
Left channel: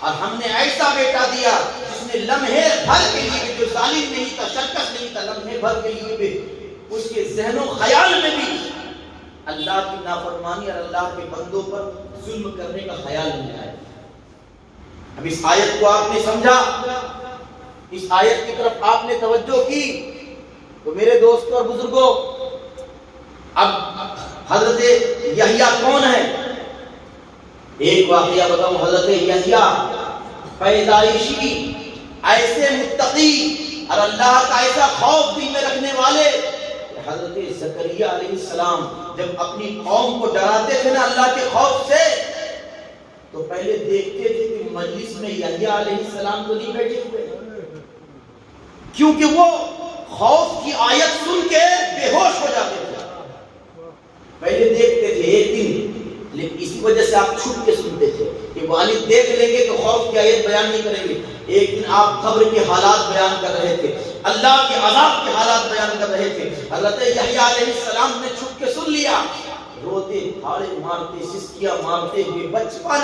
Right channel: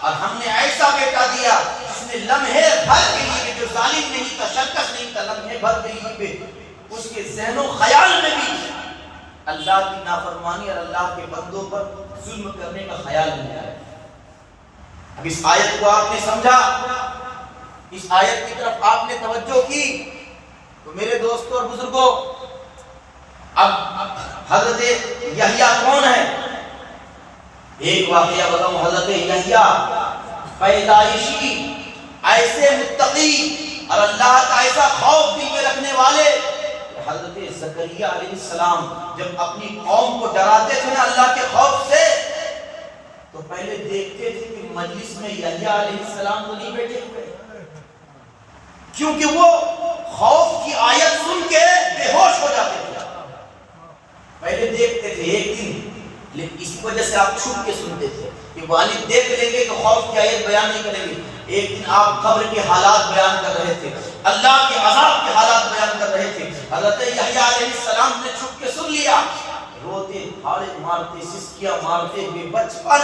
اور ہم نے ایسا بیٹا دیا جس نے لمحے بھر کے لیے، جو ظالم نہیں تھا، شرکش نہیں تھا، لمحے بھر کے لیے بھی اس کے ذہن و خیال میں بھی اللہ کی نافرمانی اور اللہ کے بندوں پر ظلم کرنے کا خیال نہیں آیا. اب اس آیت کو آپ نے سمجھا، اس آیت کی طرف آپ نے توجہ کی تو میرے دوستوں اور بزرگوں، اب حضرت یحییٰ کون ہے؟ ایک واقعہ بتاؤں. حضرت یحییٰ پیدائشی ایسے متقی اور اللہ کا ایسا خوف دل میں رکھنے والے. حضرت زکریا علیہ السلام جب اپنی قوم کو ڈراتے تھے نا اللہ کے خوف سے، تو پہلے دیکھتے تھے کہ مجلس میں یحییٰ علیہ السلام تو نہیں بیٹھے ہوئے، کیونکہ وہ خوف کی آیت سن کے بے ہوش ہو جاتے تھے. پہلے دیکھتے تھے ایک دن، لیکن اسی وجہ سے آپ چھپ کے سنتے تھے کہ والد دیکھ لیں گے تو خوف کی آیت بیان نہیں کریں گے. ایک دن آپ قبر کے حالات بیان کر رہے تھے، اللہ کے عذاب کے حالات بیان کر رہے تھے. حضرت یحییٰ علیہ السلام نے چھپ کے سن لیا، روتے پھاڑے مارتے سسکیاں مارتے ہوئے. بچپن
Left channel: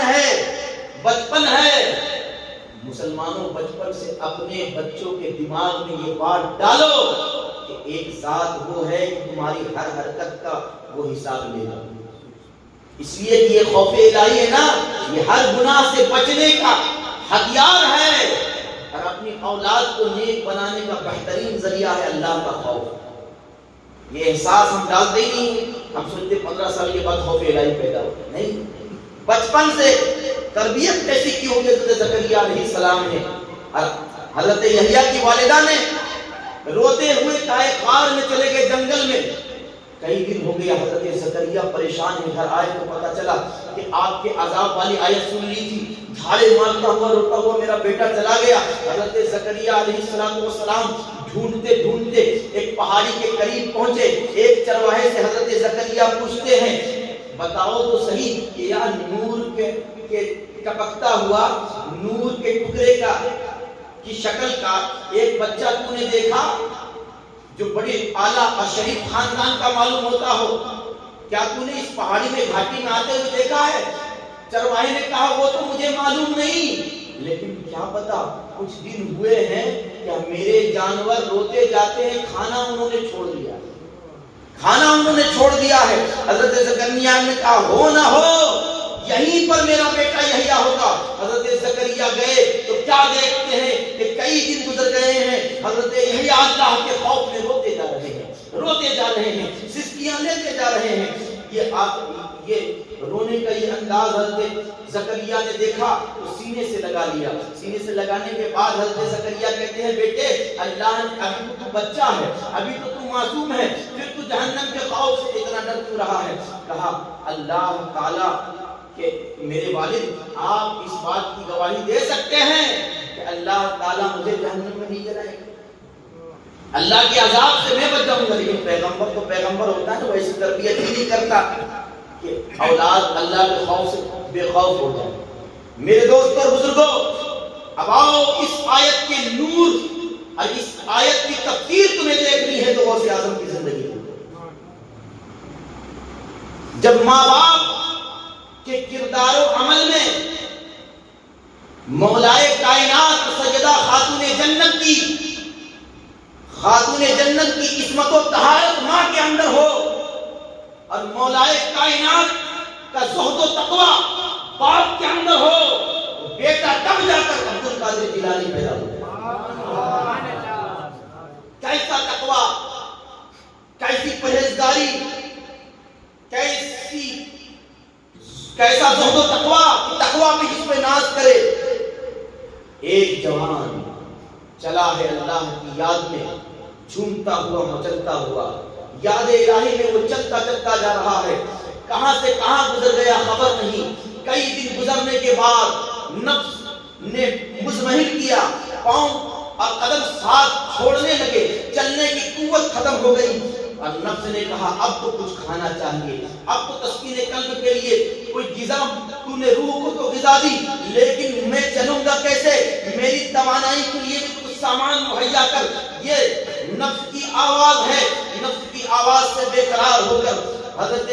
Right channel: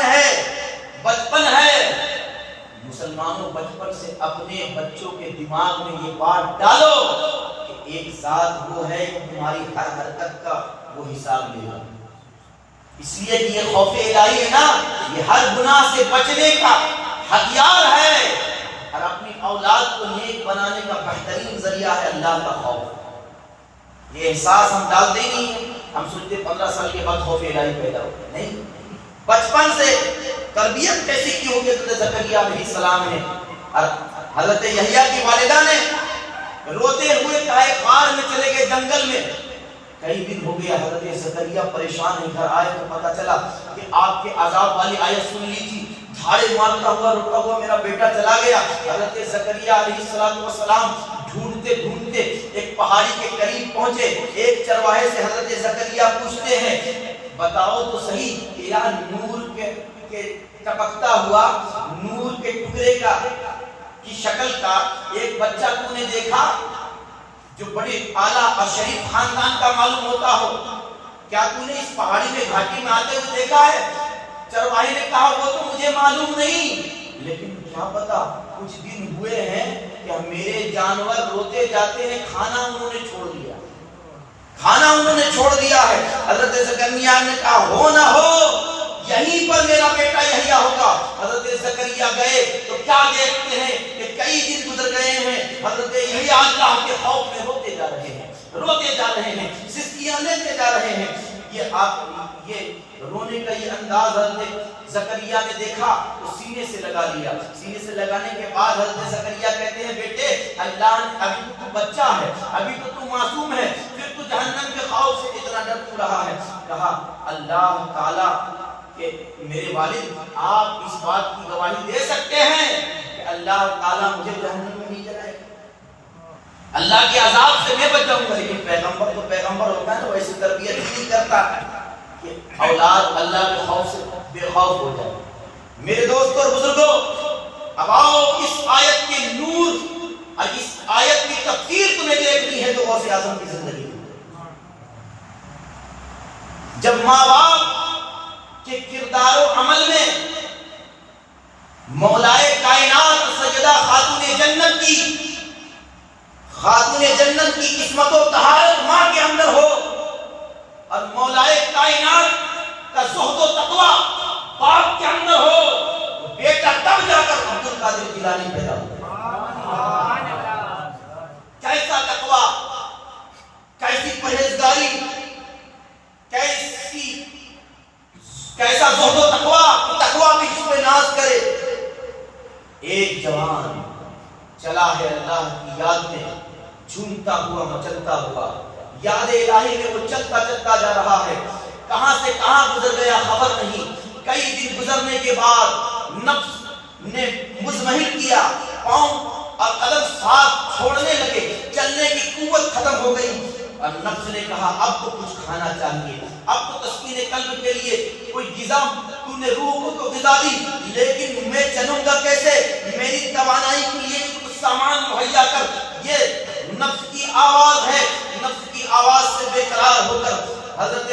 ہے مسلمانوں، بچپن سے اپنے بچوں کے دماغ میں یہ بات ڈالو کہ ایک ذات وہ ہے تمہاری ہر حرکت کا وہ حساب لے گا. اس لیے کہ یہ خوف الہی ہے نا، یہ ہر گناہ سے بچنے کا ہتھیار ہے، اور اپنی اولاد کو نیک بنانے کا بہترین ذریعہ ہے اللہ کا خوف. یہ احساس ہم ڈالتے ہی نہیں. ہم سنتے 15 سال کے بعد خوف الہی پیدا ہو گیا. نہیں، بچپن سے تربیت کیسی کی ہوگی حضرت زکریا علیہ السلام نے. حضرت یحییٰ کی والدہ نے روتے ہوئے کہے غار میں چلے گئے، جنگل میں کئی دن ہو گیا حضرت زکریا پریشان ہیں، گھر آئے تو پتا چلا کہ آپ کے عذاب والی آیت سن لی تھی، دھاڑے مارتا ہوا روتا ہوا میرا بیٹا چلا گیا۔ حضرت زکریا علیہ السلام ڈھونڈتے ڈھونڈتے ایک پہاڑی کے قریب پہنچے، ایک چرواہے سے حضرت زکریا پوچھتے ہیں بتاؤ تو صحیح کہ یہاں نور کے ٹپکتا ہوا نور کے ٹکڑے کی شکل کا ایک بچہ تو نے دیکھا جو بڑے اعلیٰ اور شریف خاندان کا معلوم ہوتا ہو، کیا تو نے اس پہاڑی میں گھاٹی میں آتے ہوئے دیکھا ہے؟ چرواہے نے کہا وہ تو مجھے معلوم نہیں، لیکن کیا پتا کچھ دن ہوئے ہیں کہ میرے جانور روتے جاتے ہیں، کھانا انہوں نے چھوڑ دیا، کھانا انہوں نے چھوڑ دیا ہے۔ حضرت زکریا نے کہا ہو نہ ہو یہیں پر میرا بیٹا یحییٰ ہوگا۔ حضرت زکریا گئے تو کیا دیکھتے ہیں کہ کئی دن گزر گئے ہیں، حضرت یحییٰ اللہ کے خوف میں روتے جا رہے ہیں، سسکیاں لیتے جا رہے ہیں۔ یہ رونے کا یہ انداز حضرت زکریا نے دیکھا تو سینے سے لگا لیا۔ سینے سے لگانے کے بعد حضرت زکریا کہتے ہیں بیٹے اللہ نے ابھی تو بچہ ہے، ابھی تو معصوم ہے، پھر تو جہنم کے خوف سے اتنا ڈر کیوں رہا ہے؟ کہا اللہ تعالیٰ کہ میرے والد آپ اس بات کی گواہی دے سکتے ہیں کہ اللہ تعالیٰ مجھے جہنم میں نہیں جلائے گا، اللہ کے عذاب سے میں بچ جاؤں گا۔ لیکن پیغمبر تو پیغمبر ہوتا ہے نا، ویسی تربیت ہی نہیں کرتا کہ اولاد اللہ کے خوف سے بے خوف ہو جائے۔ میرے دوستوں اور بزرگوں، اب آؤ اس آیت کے نور اور اس آیت کی تفسیر تمہیں دیکھنی ہے تو غوث اعظم کی زندگی میں جب ماں باپ کے کردار و عمل میں مولائے کائنات سیدہ خاتون جنت کی قسمت و طہارت ماں کے اندر ہو اور مولائے کائنات کا زہد و تقوی باپ کے اندر ہو، بیٹا تب جا کر عبد القادر جیلانی پیدا ہو۔ کیسا تقوی، کیسی پرہیزگاری، کیسا زہد و تقوی بھی جس پہ ناز کرے۔ ایک جوان چلا ہے اللہ کی یاد میں جھومتا ہوا مچلتا ہوا، یاد الہی میں وہ چلتا چلتا جا رہا ہے، کہاں سے کہاں گزر گیا خبر نہیں۔ کئی دن گزرنے کے بعد نفس نے مزمحل کیا، پاؤں اور قدم ساتھ چھوڑنے لگے، چلنے کی قوت ختم ہو گئی اور نفس نے کہا اب تو کچھ کھانا چاہیے، اب تو تسکین قلب کے لیے کوئی غذا، تو نے روح کو تو غذا دی لیکن میں چلوں گا کیسے؟ میری توانائی کے لیے کچھ سامان مہیا کر۔ یہ نفس کی آواز ہے، نفس کی آواز سے بے قرار ہو کر حضرت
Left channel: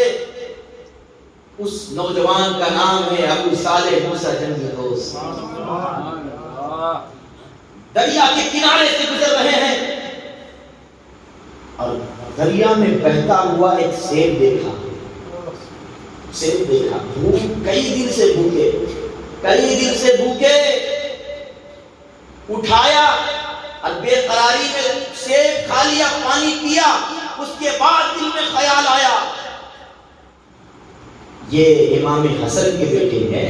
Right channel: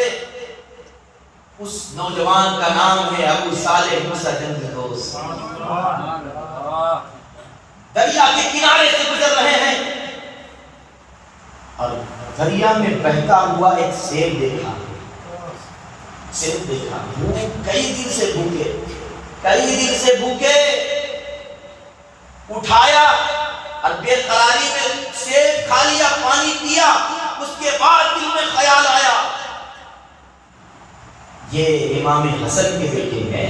اس نوجوان کا نام ہے ابو صالح موسیٰ جنگی دوست، دریا کے کنارے سے گزر رہے ہیں اور دریا میں بہتا ہوا ایک سیب دیکھا، بھوک کئی دن سے بھوکے، اٹھایا اور بے قراری میں سیب کھا لیا، پانی پیا، اس کے بعد دل میں خیال آیا یہ امام حسن کے بیٹے ہیں،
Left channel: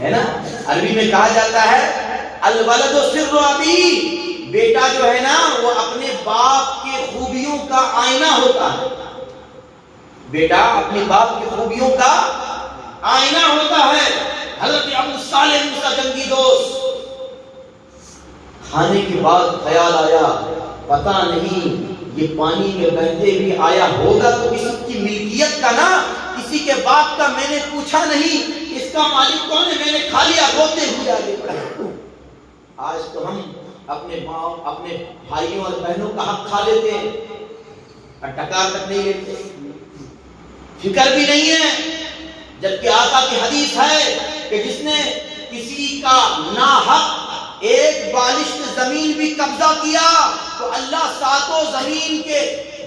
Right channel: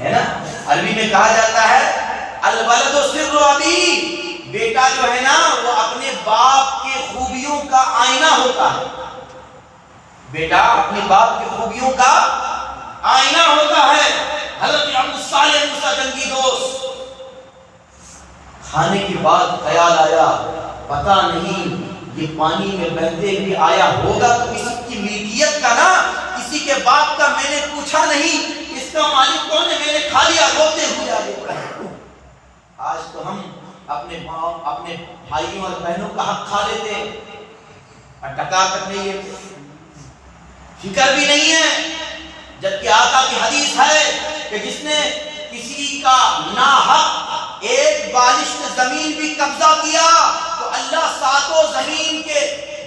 ہے نا؟ عربی میں کہا جاتا ہے الولد سر ابی، بیٹا جو ہے نا وہ اپنے باپ کے خوبیوں کا آئینہ ہوتا ہے، بیٹا اپنے باپ کی خوبیوں کا آئینہ ہوتا ہے۔ حضرت ابو صالح موسیٰ جنگی دوست کھانے کے بعد خیال آیا پتہ نہیں یہ پانی میں بہتے ہوئے آیا ہوگا تو کسی کی ملکیت کا نا، کسی کے باپ کا، میں نے پوچھا نہیں اس کا مالک کون ہے، میں نے کھا لیا، روتے ہوئے آگے بڑھے۔ آج تو ہم اپنے ماں اپنے بھائیوں اور بہنوں کا حق کھا لیتے ہیں اور ٹکا کر نہیں لیتے، فکر بھی نہیں ہے، جبکہ آقا کی حدیث ہے کہ جس نے کسی کا ناحق ایک بالشت زمین بھی قبضہ کیا تو اللہ ساتوں زمین کے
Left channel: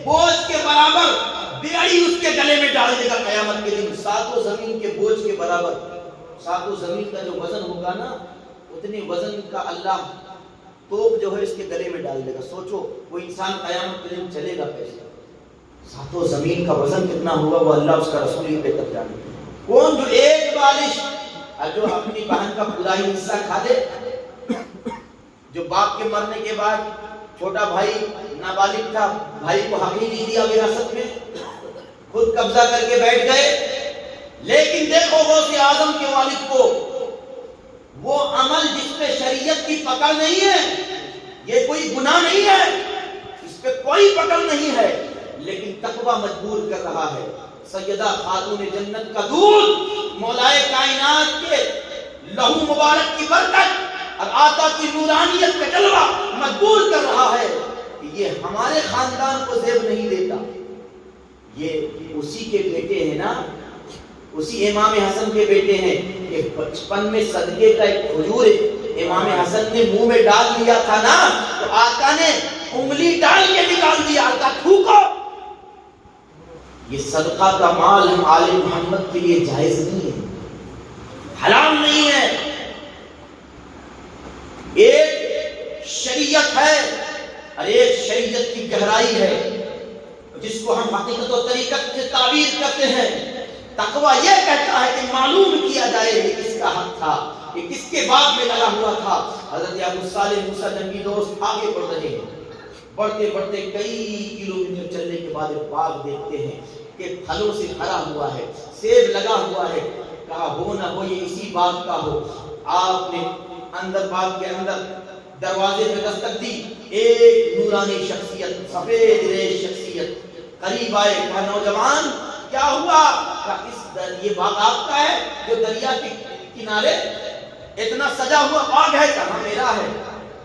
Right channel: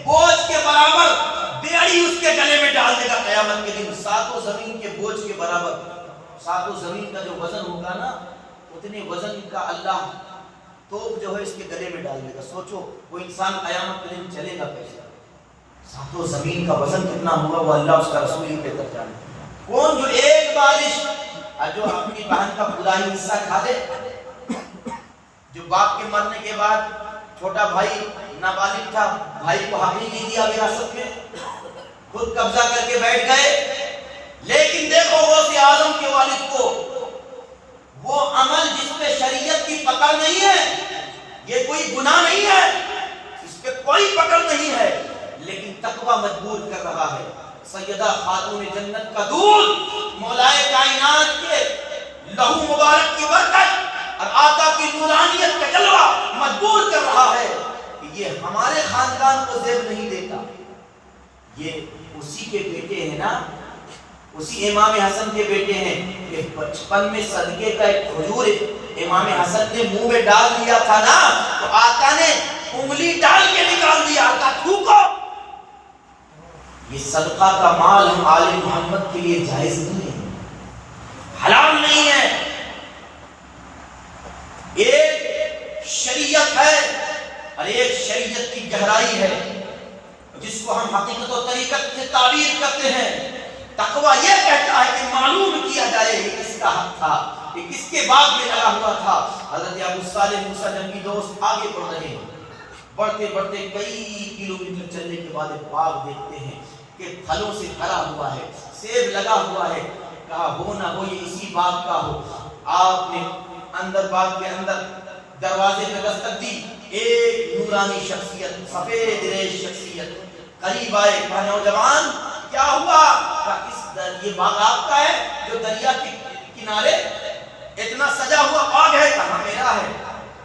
بوجھ کے برابر بیڑی اس کے گلے میں ڈال دے گا قیامت کے دن، ساتوں زمین کے بوجھ کے برابر، ساتوں زمین کا جو وزن ہوگا نا اتنے وزن کا اللہ توپ جو ہے اس کے گلے میں ڈال دے گا۔ سوچو وہ انسان قیامت کے دن چلے گا کیسے؟ ساتوں زمین کا وزن کتنا ہوا وہ اللہ اس کا رسول ہی بہتر جانے۔ کون جو ایک بالش جو اپنی بہن کا بلائی حصہ کھا لے، جو باپ کے مرنے کے بعد چھوٹا بھائی نابالغ تھا، بھائی کو حق ہی نہیں دیا وراثت میں، خود قبضہ کر کے بیٹھ گئے۔ لیکن دیکھو غوث اعظم کے والد کو، وہ عمل جس پہ شریعت کی پکڑ نہیں ہے، یہ کوئی گناہ نہیں ہے، اس پہ کوئی پکڑ نہیں ہے، لیکن تقوی مجبور کر رہا ہے۔ سیدہ خاتون جنت کا دودھ، مولائے کائنات کے لہو مبارک کی برکت اور آقا کی نورانیت کا جلوہ مجبور کر رہا ہے کہ یہ ہمارے خاندان کو زیب نہیں دیتا۔ یہ اسی کے بیٹے ہیں نا، اسی امام حسن کے بیٹے ہیں کہ بچپن میں صدقے کا ایک کھجور امام حسن نے منہ میں ڈال دیا تھا نا، تو آقا نے انگلی ڈال کے نکال دیا، آقا تھوکو۔ یہ صدقہ کا مال ہم آل محمد کے لیے جائز نہیں ہے، حلال نہیں ہے۔ ایک شریعت ہے اور ایک شریعت کی گہرائی ہے جس کو ہم حقیقت و طریقت سے تعبیر کرتے ہیں۔ تقویٰ یہ کہتا ہے کہ معلوم کیا جائے کہ کس کا حق تھا، کہ کس کے باغ میں لگا ہوا تھا۔ حضرت ابو صالح موسیٰ جنگی دوست آگے بڑھ رہے ہیں، بڑھتے بڑھتے کئی کلومیٹر چلنے کے بعد ایک باغ دیکھتے ہیں کہ پھلوں سے بھرا ہوا ہے، سیب لگا ہوا ہے۔ کہا ہو نہ ہو یہ اسی باغ کا ہو۔ آپ نے اندر باغ کے اندر دروازے پہ دستک دی، ایک نورانی شخصیت، سفید ریش شخصیت قریب آئے۔ کہا نوجوان کیا ہوا؟ کہا یہ باغ آپ کا ہے جو دریا کے کنارے اتنا سجا ہوا باغ ہے؟ کہا میرا ہے۔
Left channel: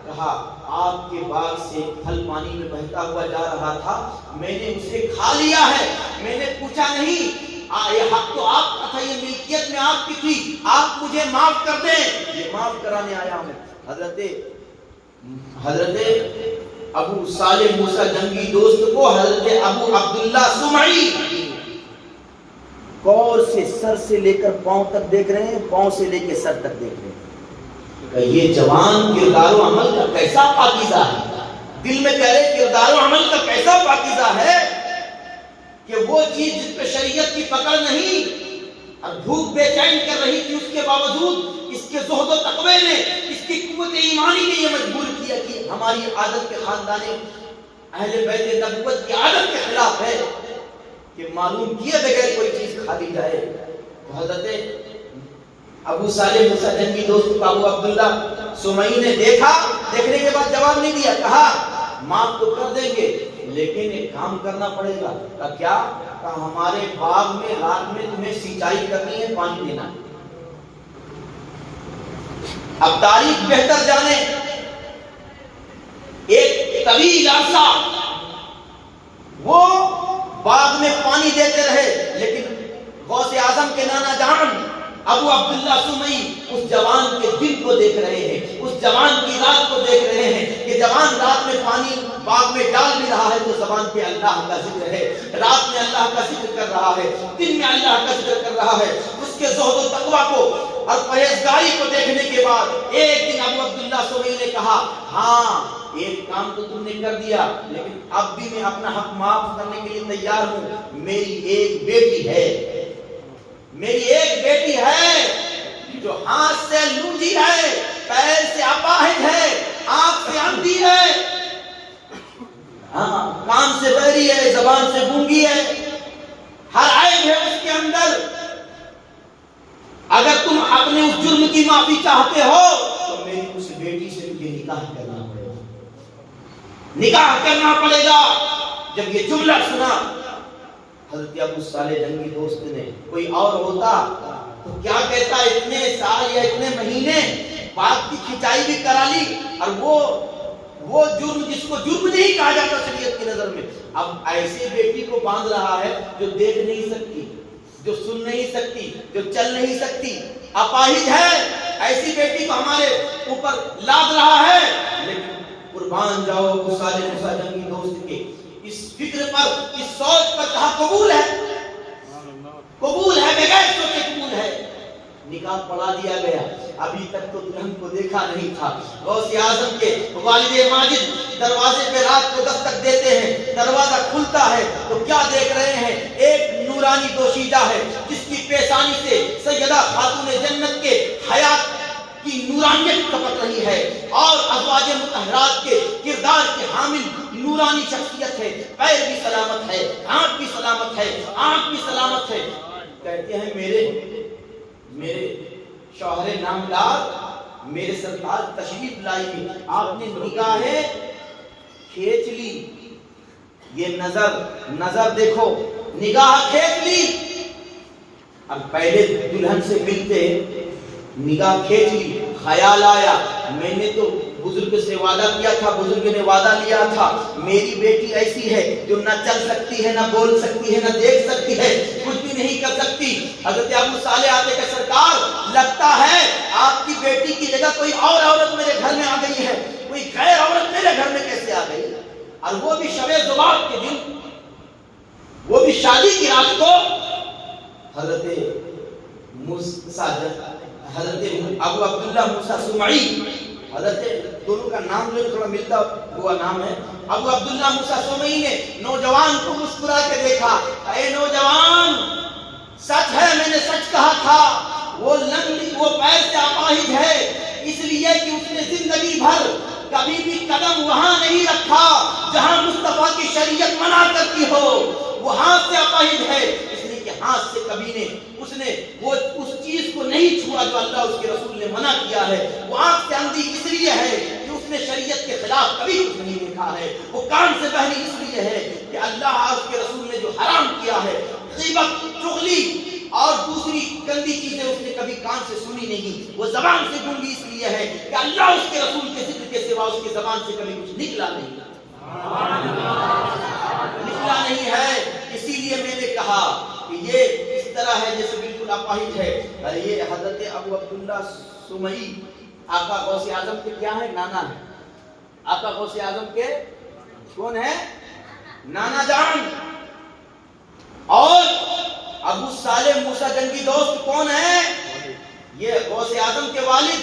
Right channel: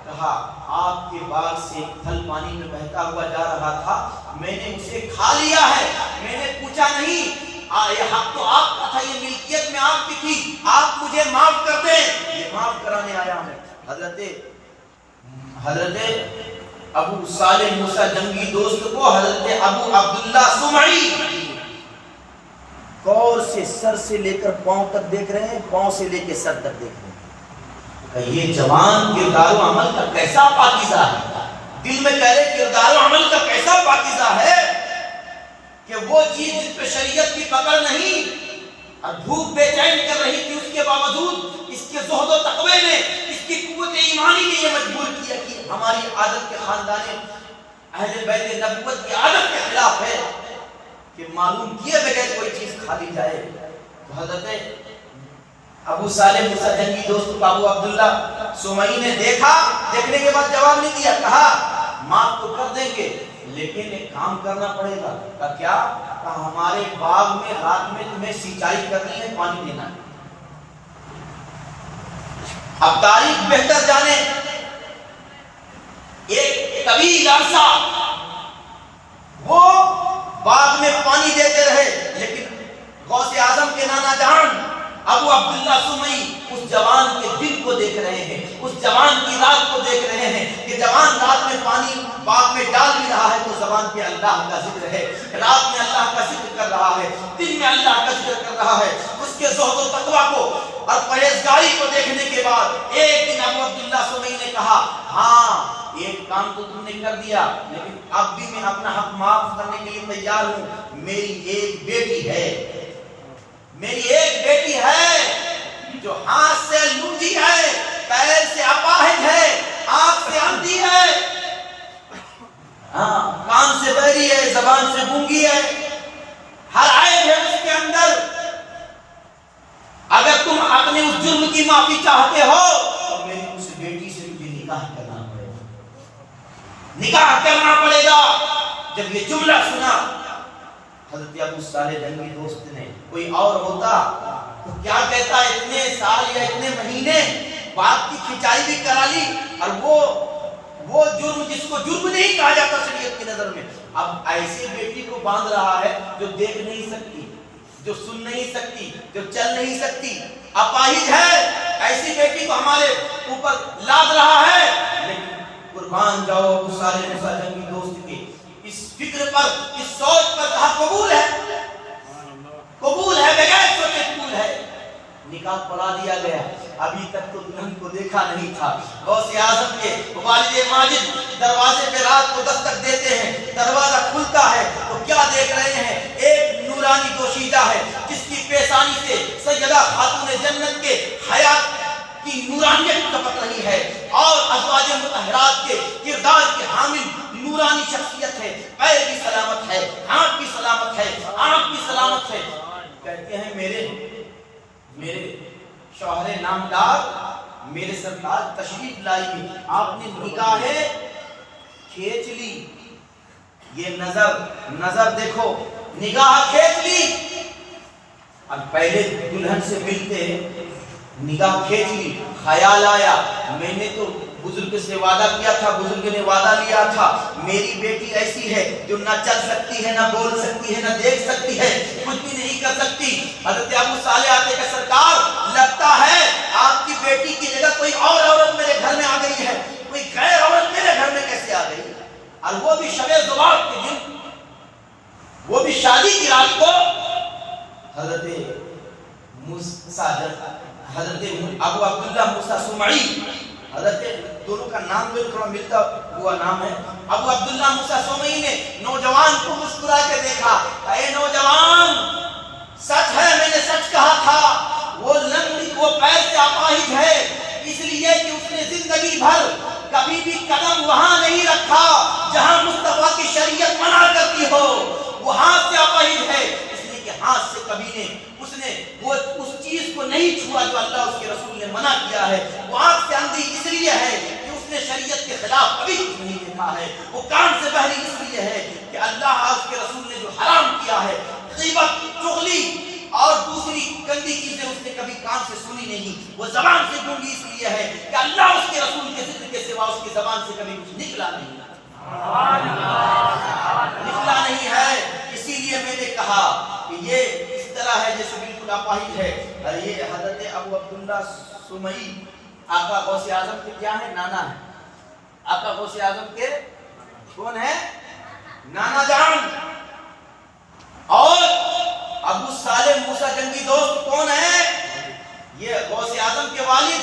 کہا آپ کے باغ سے پھل پانی میں بہتا ہوا جا رہا تھا، میں نے اسے کھا لیا ہے، میں نے پوچھا نہیں، یہ حق تو آپ کا تھا، یہ ملکیت میں آپ کی تھی، آپ مجھے معاف کر دیں، یہ معاف کرانے آیا ہوں۔ حضرت ابو صالح موسیٰ جنگی دوست کو حضرت ابو عبداللہ سمعی کور سے سر سے لے کر پاؤں تک دیکھ رہے ہیں، پاؤں سے لے کے سر تک دیکھ رہے ہیں۔ یہ جوان کردار و عمل کا کیسا پاکیزہ ہے، دل میں کہہ رہے کردار و عمل کا کیسا پاکیزہ ہے کہ وہ چیز جس پہ شریعت کی پکڑ نہیں اور بھوک بے چین کر رہی تھی، اس کے باوجود اس کے زہد و تقوی نے، اس کی قوت ایمانی نے یہ مجبور کیا کہ ہماری عادت کے خاندان اہل بیت نبوت کی عادت کے خلاف ہے کہ معلوم کیے بغیر کوئی چیز کھا لی جائے۔ تو حضرت ابو صالح موسیٰ جنگی دوست کو ابو عبداللہ سمعی نے دیکھا، دیکھنے کے بعد جواب نہیں دیا، کہا معاف تو کر دیں گے لیکن ایک کام کرنا پڑے گا۔ کہا کیا؟ کہا ہمارے باغ میں رات میں تمہیں سینچائی کرنی ہے، پانی دینا۔ اب تاریخ بہتر جانے، ایک طویل عرصہ وہ باغ میں پانی دیتے رہے، لیکن غوث اعظم کے نانا جان ابو عبداللہ سمعی اس جوان کے دل کو دیکھ رہے ہیں، اس جوان کی رات کو دیکھ رہے ہیں کہ جوان رات میں پانی باغ میں ڈال بھی رہا ہے تو زبان پہ اللہ کا ذکر ہے، رات میں اللہ کا ذکر کر رہا ہے، دن میں اللہ کا ذکر کر رہا ہے۔ اس کے زہد و تقویٰ کو اور پرہیزگاری کو دیکھنے کے بعد ایک دن ابو عبداللہ سمعی نے کہا ہاں ایک کام تو تم نے کر دیا، لیکن اب بھی میں اپنا حق معاف کرنے کے لیے تیار ہوں۔ میری ایک بیٹی ہے، میری ایک بیٹی ہے جو ہاتھ سے لونجی ہے، پیر سے اپاہج ہے، آنکھ سے اندھی ہے، کان سے بہری ہے، زبان سے گونگی ہے، ہر عیب ہے اس کے اندر۔ اگر تم اپنے اس جرم کی معافی چاہتے ہو تو میری اس بیٹی سے مجھے نکاح کرنا پڑے گا، نکاح کرنا پڑے گا۔ جب یہ جملہ سنا حضرت ابو صالح جنگی دوست نے، کوئی اور ہوتا تو کیا کہتا، اتنے سال یا اتنے مہینے باغ کی کھچائی بھی کرا لی اور وہ جرم جس کو جرم نہیں کہا جاتا شریعت کی نظر میں، اب ایسی بیٹی کو باندھ رہا ہے جو دیکھ نہیں سکتی، جو سن نہیں سکتی، جو چل نہیں سکتی، اپاہج ہے، ایسی بیٹی کو ہمارے اوپر لاد رہا ہے۔ لیکن قربان جاؤ ابو صالح موسیٰ جنگی دوست کے اس فکر پر، اس سوچ پر، کہا قبول ہے، قبول ہے، بغیر سوچے قبول ہے۔ نکاح پڑھا دیا گیا۔ ابھی تک تو دلہن کو دیکھا نہیں تھا۔ غوث اعظم کے والد ماجد دروازے پہ رات کو دستک دیتے ہیں، دروازہ کھلتا ہے تو کیا دیکھ رہے ہیں؟ ایک نورانی دوشیدہ ہے جس کی پیشانی سے سیدہ خاتون جنت کے حیات کی نورانیت ٹپک رہی ہے، اور ازواج مطہرات کے کردار کے حامل نورانی انعامدار میرے سرکار تشریف لائی، آپ نے نگاہیں کھینچ لی، یہ نظر دیکھو، نگاہ کھینچ لی، اب پہلے دلہن سے ملتے نگاہ کھینچ لی، خیال آیا میں نے تو بزرگ سے وعدہ کیا تھا، بزرگ نے وعدہ لیا تھا میری بیٹی ایسی ہے جو نہ چل سکتی ہے، نہ بول سکتی ہے، نہ دیکھ سکتی ہے، کچھ بھی نہیں کر سکتی۔ حضرت ابو صالح آتے کہ سرکار لگتا ہے آپ کی بیٹی کی جگہ کوئی اور عورت میرے گھر میں آ گئی ہے، کوئی غیر عورت میرے گھر میں کیسے آ گئی، اور وہ بھی شب ذوالفقار کے دن، وہ بھی شادی کی رات کو۔ حضرت حضرت ابو عبداللہ موسیٰ سمعی، حضرت دونوں کا نام جو تھوڑا ملتا ہوا نام ہے، ابو عبداللہ موسیٰ سمعی نے نوجوان کو مسکرا کے دیکھا، اے نوجوان سچ ہے میں نے سچ کہا تھا، وہ لنگڑی وہ پیر سے اپاہج ہے، اس لیے کہ اس نے زندگی بھر کبھی بھی قدم وہاں نہیں رکھا جہاں مصطفیٰ کی شریعت منع کرتی ہو، وہ ہاتھ سے اپاہج ہے اس لیے کہ ہاتھ سے کبھی نے اس نے وہ اس چیز کو نہیں چھوا جو اللہ اس کے رسول نے منع کیا ہے، وہ آنکھ سے اندھی اس لیے ہے کہ اس نے شریعت کے خلاف کبھی کچھ نہیں دیکھا ہے، وہ کان سے بہری اس لیے ہے کہ اللہ اور اس کے رسول نے جو حرام کیا ہے غیبت، چغلی اور دوسری گندی چیزیں اس نے کبھی کان سے سنی نہیں، وہ زبان سے گونگی اس لیے ہے کہ اللہ اس کے رسول کے ذکر کے سوا اس کی زبان سے کبھی کچھ نکلا نہیں ہے۔ اسی لیے میں نے کہا کہ یہ اس طرح ہے جیسے بالکل اپاہج ہے، اور یہ حضرت ابو عبداللہ سمعی آقا غوث اعظم کے کیا ہے؟ نانا ہے۔ آقا غوث اعظم کے کون ہے؟ نانا جان۔ اور ابو صالح موسیٰ جنگی دوست کون ہے؟ یہ غوث اعظم کے والد،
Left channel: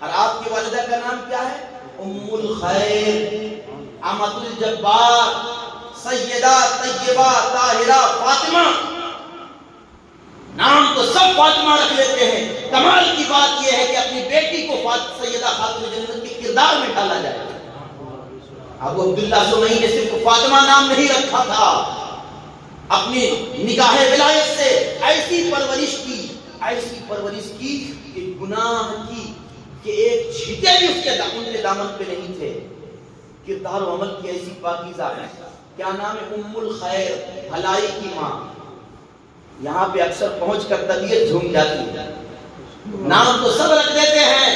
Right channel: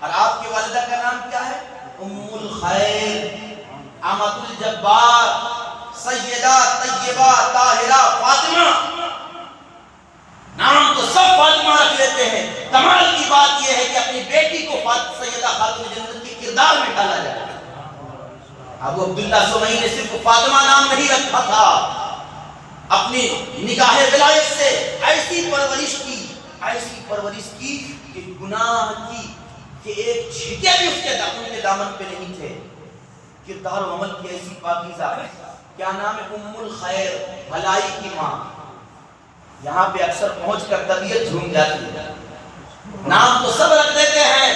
اور آپ کی والدہ کا نام کیا ہے؟ ام الخیر امۃ الجبار سیدہ طیبہ طاہرہ فاطمہ، نام تو سب فاطمہ رکھ لیتے ہیں، کمال کی بات یہ ہے کہ اپنی بیٹی کو سیدہ خاتون جنت کے کردار میں ڈالا جائے۔ ابو عبداللہ سمعی نے صرف فاطمہ نام نہیں رکھا تھا، اپنی نگاہ ولایت سے ایسی پرورش کی کہ گناہ کی کہ ایک چھینٹے بھی اس کے دامن پہ نہیں تھے، کردار و عمل کی ایسی پاکیزہ، کیا نام ہے؟ ام الخیر، بھلائی کی ماں۔ یہاں پہ اکثر پہنچ کر طبیعت جھوم جاتی ہے، نام تو سب رکھ دیتے ہیں،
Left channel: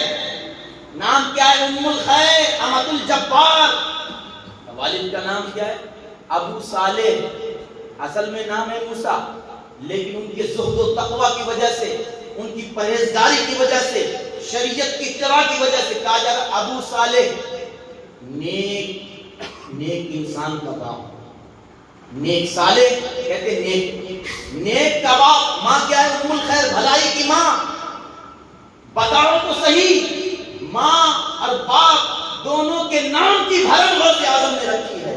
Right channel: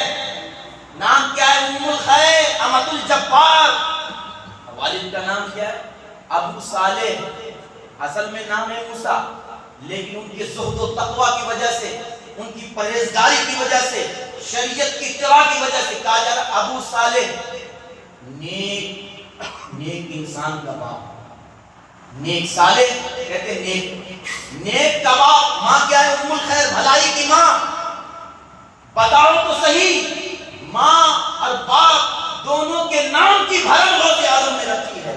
نام کیا ہے؟ ام الخیر امۃ الجبار، والد کا نام کیا ہے؟ ابو صالح، اصل میں نام ہے موسیٰ، لیکن ان کے زہد و تقوی کی وجہ سے، ان کی پرہیزگاری کی وجہ سے، شریعت کی اتباع کی وجہ سے کہا جا رہا ابو صالح، نیک انسان کا باپ، نیک صالح کہتے نیک کا باپ۔ ماں کیا ہے؟ ام الخیر، بھلائی کی ماں۔ بتاؤ تو صحیح، ماں اور باپ دونوں کے نام کی بھرم غوث اعظم نے رکھی ہے۔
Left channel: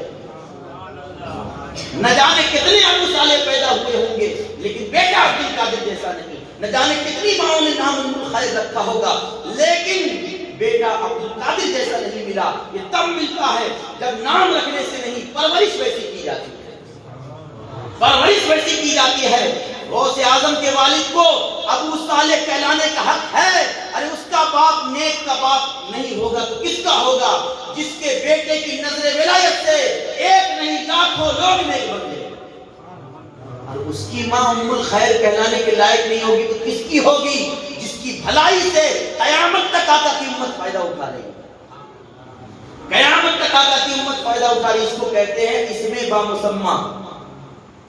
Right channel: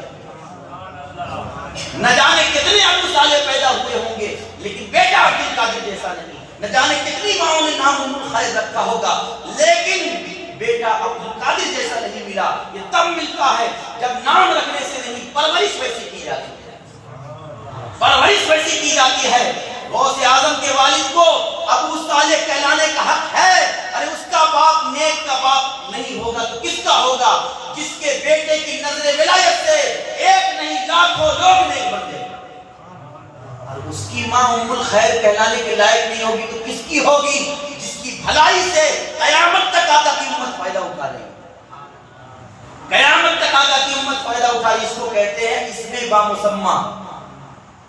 نہ جانے کتنے ابو صالح پیدا ہوئے ہوں گے لیکن بیٹا عبد القادر جیسا نہیں، نہ جانے کتنی ماؤں نے نام ام الخیر رکھا ہوگا لیکن بیٹا عبد القادر جیسا نہیں ملا۔ یہ تب ملتا ہے جب نام رکھنے سے نہیں، پرورش ویسی کی جاتی ہے، پرورش ویسی کی جاتی ہے۔ غوث اعظم کے والد کو ابو صالح کہلانے کا حق ہے، ارے اس کا باپ نیک کا باپ نہیں ہوگا تو کس کا ہوگا؟ جس کے بیٹے کی نظر ولایت سے ایک نہیں لاکھوں لوگ نیک بن گئے، اور اس کی ماں ام الخیر کہلانے کے لائق نہیں ہوگی تو کس کی ہوگی؟ جس کی بھلائی سے قیامت تک آقا کی امت فائدہ اٹھا رہی ہے، قیامت تک آقا کی امت فائدہ اٹھا رہی ہے۔ اس کو کہتے ہیں اسم بامسمہ،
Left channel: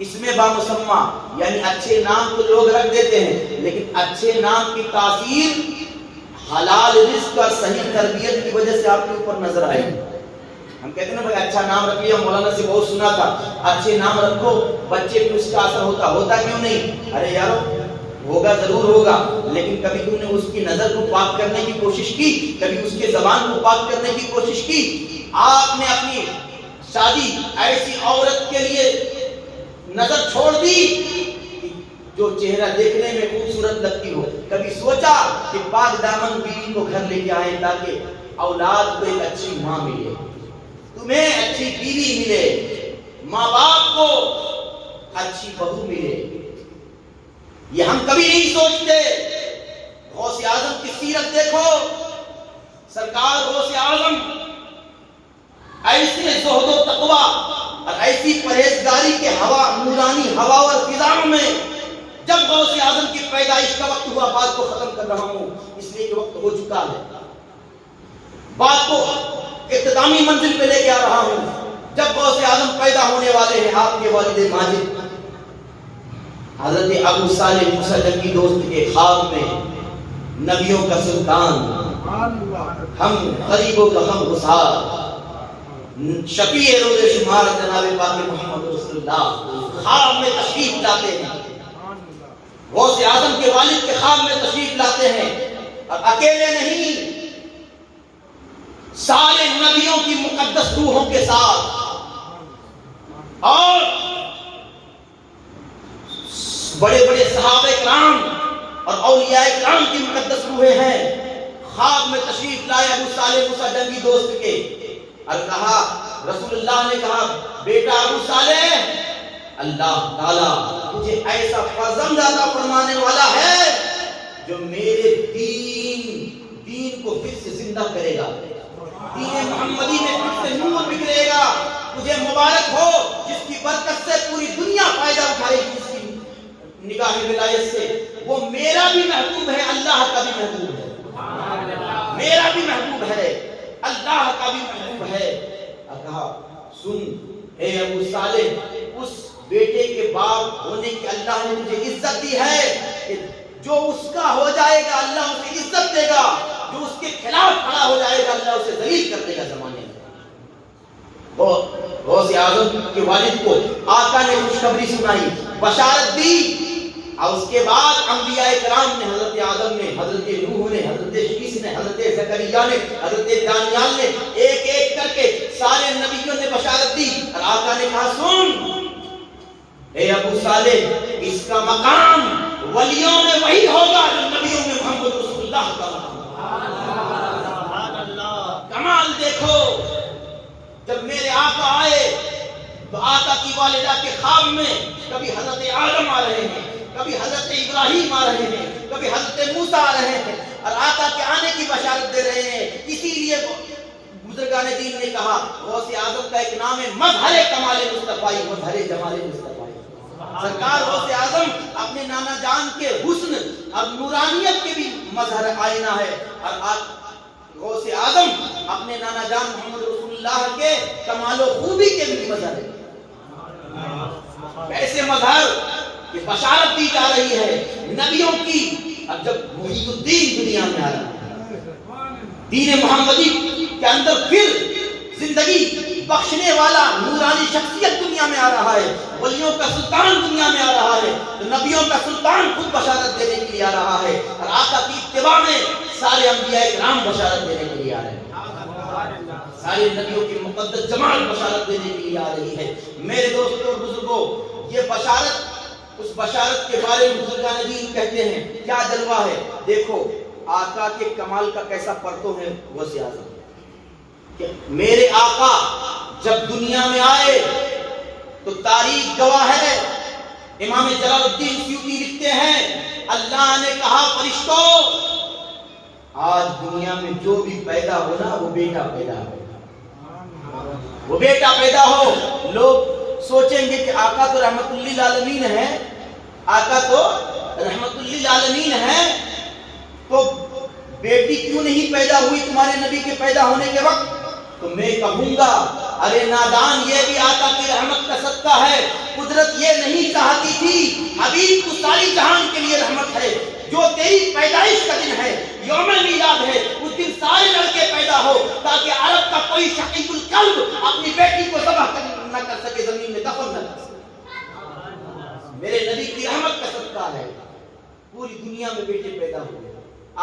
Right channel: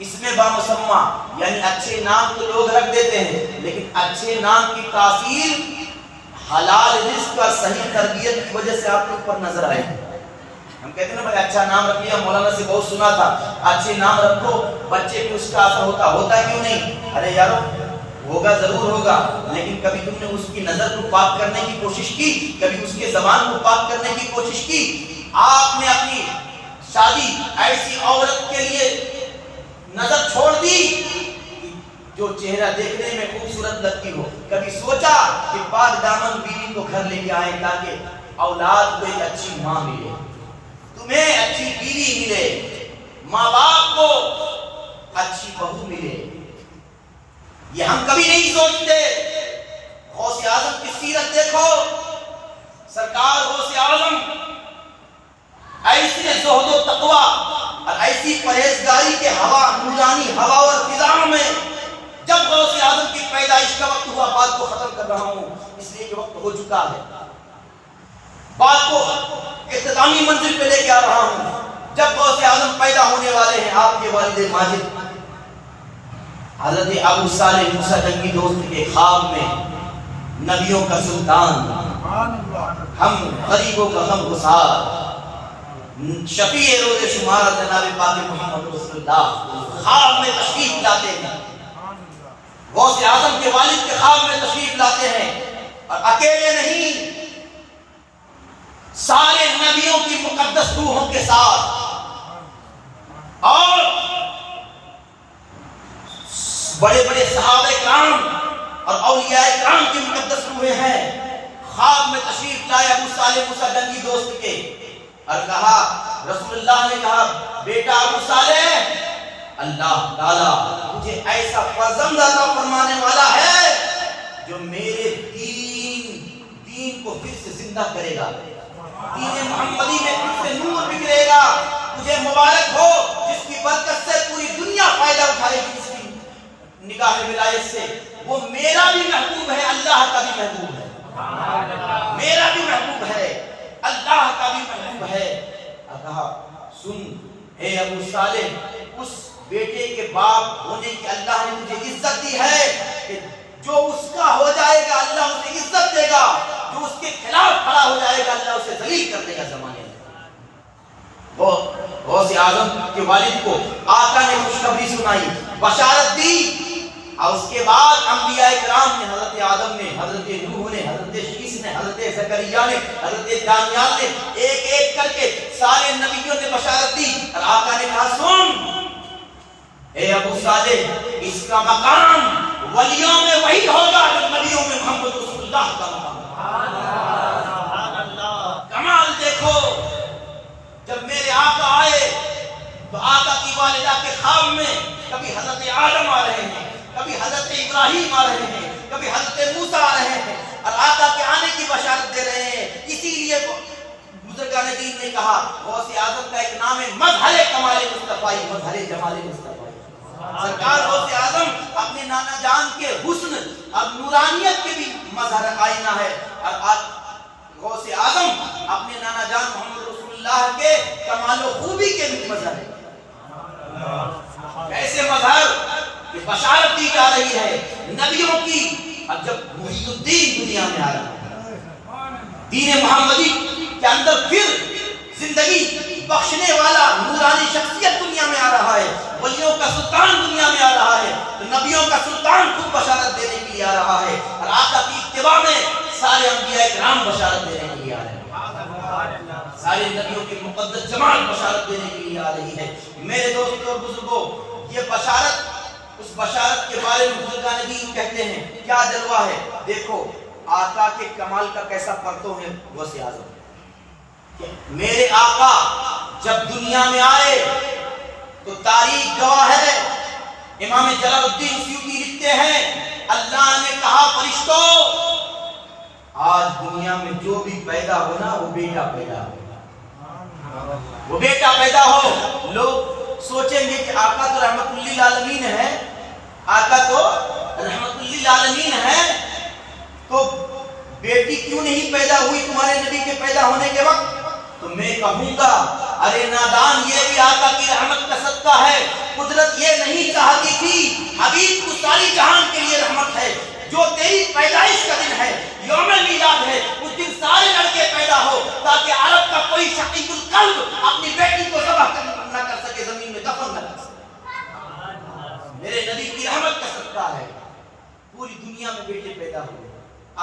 اسم بامسمہ یعنی اچھے نام تو لوگ رکھ دیتے ہیں لیکن اچھے نام کی تاثیر حلال رزق اور صحیح تربیت کی وجہ سے آپ کے اوپر نظر آئے۔ ہم کہتے ہیں نا بھائی اچھا نام رکھ لیا، مولانا سے بہت سنا تھا اچھے نام رکھو بچے کو اس کا اثر ہوتا کیوں نہیں؟ ارے یارو ہوگا، ضرور ہوگا، لیکن کبھی تم نے اس کی نظر کو پاک کرنے کی کوشش کی؟ کبھی اس کے زبان کو پاک کرنے کی کوشش کی؟ آپ نے اپنی شادی ایسی عورت کے لیے نظر چھوڑ دی جو چہرہ دیکھنے میں خوبصورت لگتی ہو؟ کبھی سوچا کہ پاک دامن بیوی کو گھر لے کے آئے تاکہ اولاد کو ایک اچھی ماں ملے، تمہیں اچھی بیوی ملے، ماں باپ کو اچھی بہو ملے؟ یہ ہم کبھی نہیں سوچتے۔ غوث اعظم کی سیرت دیکھو، سرکار غوث اعظم ایسے زہد و تقوی اور ایسی پرہیزگاری کے ہوا نورانی ہوا اور فضاؤں میں جب غوث اعظم کی پیدائش کا وقت ہوا، بات کو ختم کر رہا ہوں اس لیے کہ وقت ہو چکا ہے، بات کو اختتامی منزل پہ لے کے آ رہا ہوں۔ جب غوث اعظم پیدا ہونے والے ہیں، آپ کے والد ماجد حضرت ابو صالح موسیٰ جنگی دوست کے خواب میں نبیوں کا سلطان، ہم غریبوں کا ہم گسار، شفیع روز شمار جناب پاک محمد رسول اللہ خواب میں تشریف لاتے ہیں، غوث اعظم کے والد کے خواب میں تشریف لاتے ہیں، اور اکیلے نہیں، سارے نبیوں کی مقدس روحوں کے ساتھ، اور بڑے بڑے صحابہ کرام اور اولیاء کرام کی مقدس روحیں ہیں، خواب میں تشریف لائے ابو صالح موسیٰ جنگی دوست کے، اور کہا، رسول اللہ نے کہا، بیٹا ابو صالح، اللہ تعالیٰ تجھے ایسا فرزند عطا فرمانے والا ہے جو میرے دین کو پھر سے زندہ کرے گا، دین محمدی میں پھر سے نور بکھرے گا، تجھے مبارک ہو جس کی برکت سے پوری دنیا فائدہ اٹھائے گی، جس کی نگاہ ولایت سے وہ میرا بھی محبوب ہے، اللہ کا بھی محبوب ہے، میرا بھی محبوب ہے، اللہ کا بھی محبوب ہے۔ کہا، سن اے ابو صالح، اس بیٹے کے باپ ہونے کی اللہ نے مجھے عزت دی ہے کہ جو اس کا ہو جائے گا اللہ اسے عزت دے گا، جو اس کے خلاف کھڑا ہو جائے گا اللہ اسے ذلیل کر دے گا زمانے میں۔ غوث اعظم کے والد کو آقا نے خوشخبری سنائی، بشارت دی، اور اس کے بعد انبیاء کرام نے، حضرت آدم نے، حضرت نوح نے، حضرت شیس نے، حضرت زکریا نے، حضرت دانیال نے، ایک ایک کر کے سارے نبیوں نے بشارت دی، اور آقا نے کہا، سن اے ابو صالح، اس کا مقام ولیوں میں وہی ہوگا جو نبیوں میں محمد رسول اللہ کا مقام۔ کمال دیکھو، جب میرے آقا آئے تو آقا کی والدہ کے خواب میں کبھی حضرت آدم آ رہے ہیں، کبھی حضرت ابراہیم آ رہے ہیں، کبھی حضرت موسیٰ آ رہے ہیں، اور آقا کے آنے کی بشارت دے رہے ہیں۔ اسی لیے بزرگان دین نے کہا، غوث اعظم کا ایک نام ہے مظہر کمال مصطفی، مظہر جمال مصطفی۔ سرکار غوث اعظم اپنے نانا جان کے حسن اور نورانیت کے بھی مظہر آئینہ ہے، اور آپ غوث اعظم اپنے نانا جان محمد رسول اللہ کے کمال و خوبی کے بھی مظہر ہے۔ ایسے مظہر کہ بشارت دی جا رہی ہے نبیوں کی، اب جب محی الدین دنیا میں آ رہا ہے، دین محمدی کے اندر پھر زندگی بخشنے والا نورانی شخصیت دنیا میں آ رہا ہے، ولیوں کا سلطان دنیا میں آ رہا ہے، تو نبیوں کا سلطان خود بشارت دینے کے لیے آ رہا ہے، اور آقا کی اتباع میں سارے انبیاء کرام بشارت دینے کے لیے آ رہے ہیں، سارے نبیوں کی مقدس جماعت بشارت دینے کے لیے آ رہی ہے۔ میرے دوستوں اور بزرگوں، یہ بشارت، اس بشارت کے بارے میں بزرگان دین کہتے ہیں کیا جلوہ ہے۔ دیکھو آقا کے کمال کا کیسا پرتو ہے غوث اعظم، کہ میرے آقا جب دنیا میں آئے تو تاریخ گواہ ہے، امام جلال الدین سیوطی لکھتے ہیں، اللہ نے کہا فرشتوں، آج دنیا میں جو بھی پیدا ہونا وہ بیٹا پیدا ہو، وہ بیٹا پیدا ہو۔ لوگ سوچیں گے کہ آقا تو رحمت للعالمین ہے، آقا تو رحمت للعالمین ہے، تو بیٹی کیوں نہیں پیدا ہوئی تمہارے نبی کے پیدا ہونے کے وقت؟ تو میں کہوں گا، ارے نادان، یہ بھی آقا کی رحمت کا صدقہ ہے۔ قدرت یہ نہیں چاہتی تھی، حبیب کو ساری جہان کے لیے رحمت ہے، جو تیری پیدائش کا دن ہے، یوم میلاد ہے، اس دن سارے لڑکے پیدا ہو تاکہ عرب کا کوئی شقیق القلب اپنی بیٹی کو ذبح نہ کر سکے، زمین میں دفن نہ کر سکے۔ میرے نبی کی رحمت کا صدقہ ہے، پوری دنیا میں بیٹے پیدا ہوئے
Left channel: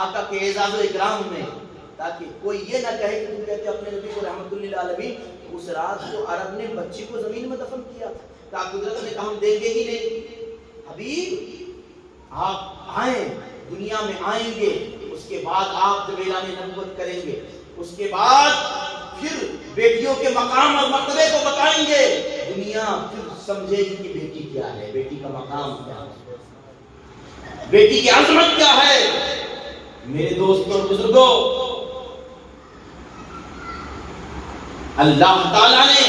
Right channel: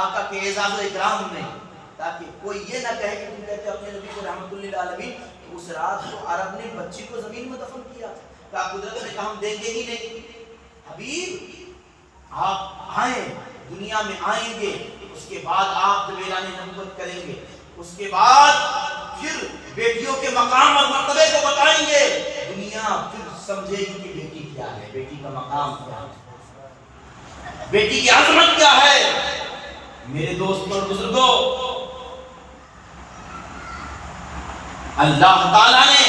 آقا کے اعزاز و اکرام میں، تاکہ کوئی یہ نہ کہے کہ تم کہتے اپنے نبی کو رحمت للعالمین، اس رات کو عرب نے بچی کو زمین میں دفن کیا تھا، کہا قدرت نے کہا ہم دیں گے ہی نہیں، حبیب آپ آئیں، دنیا میں آئیں گے، اس کے بعد آپ جب اعلان نبوت کریں گے، اس کے بعد پھر بیٹیوں کے مقام اور مرتبے کو بتائیں گے، دنیا پھر سمجھے گی کہ بیٹی کیا ہے، بیٹی کا مقام کیا ہے، بیٹی کی عظمت کیا ہے۔ میرے دوستوں اور بزرگوں، اللہ تعالیٰ نے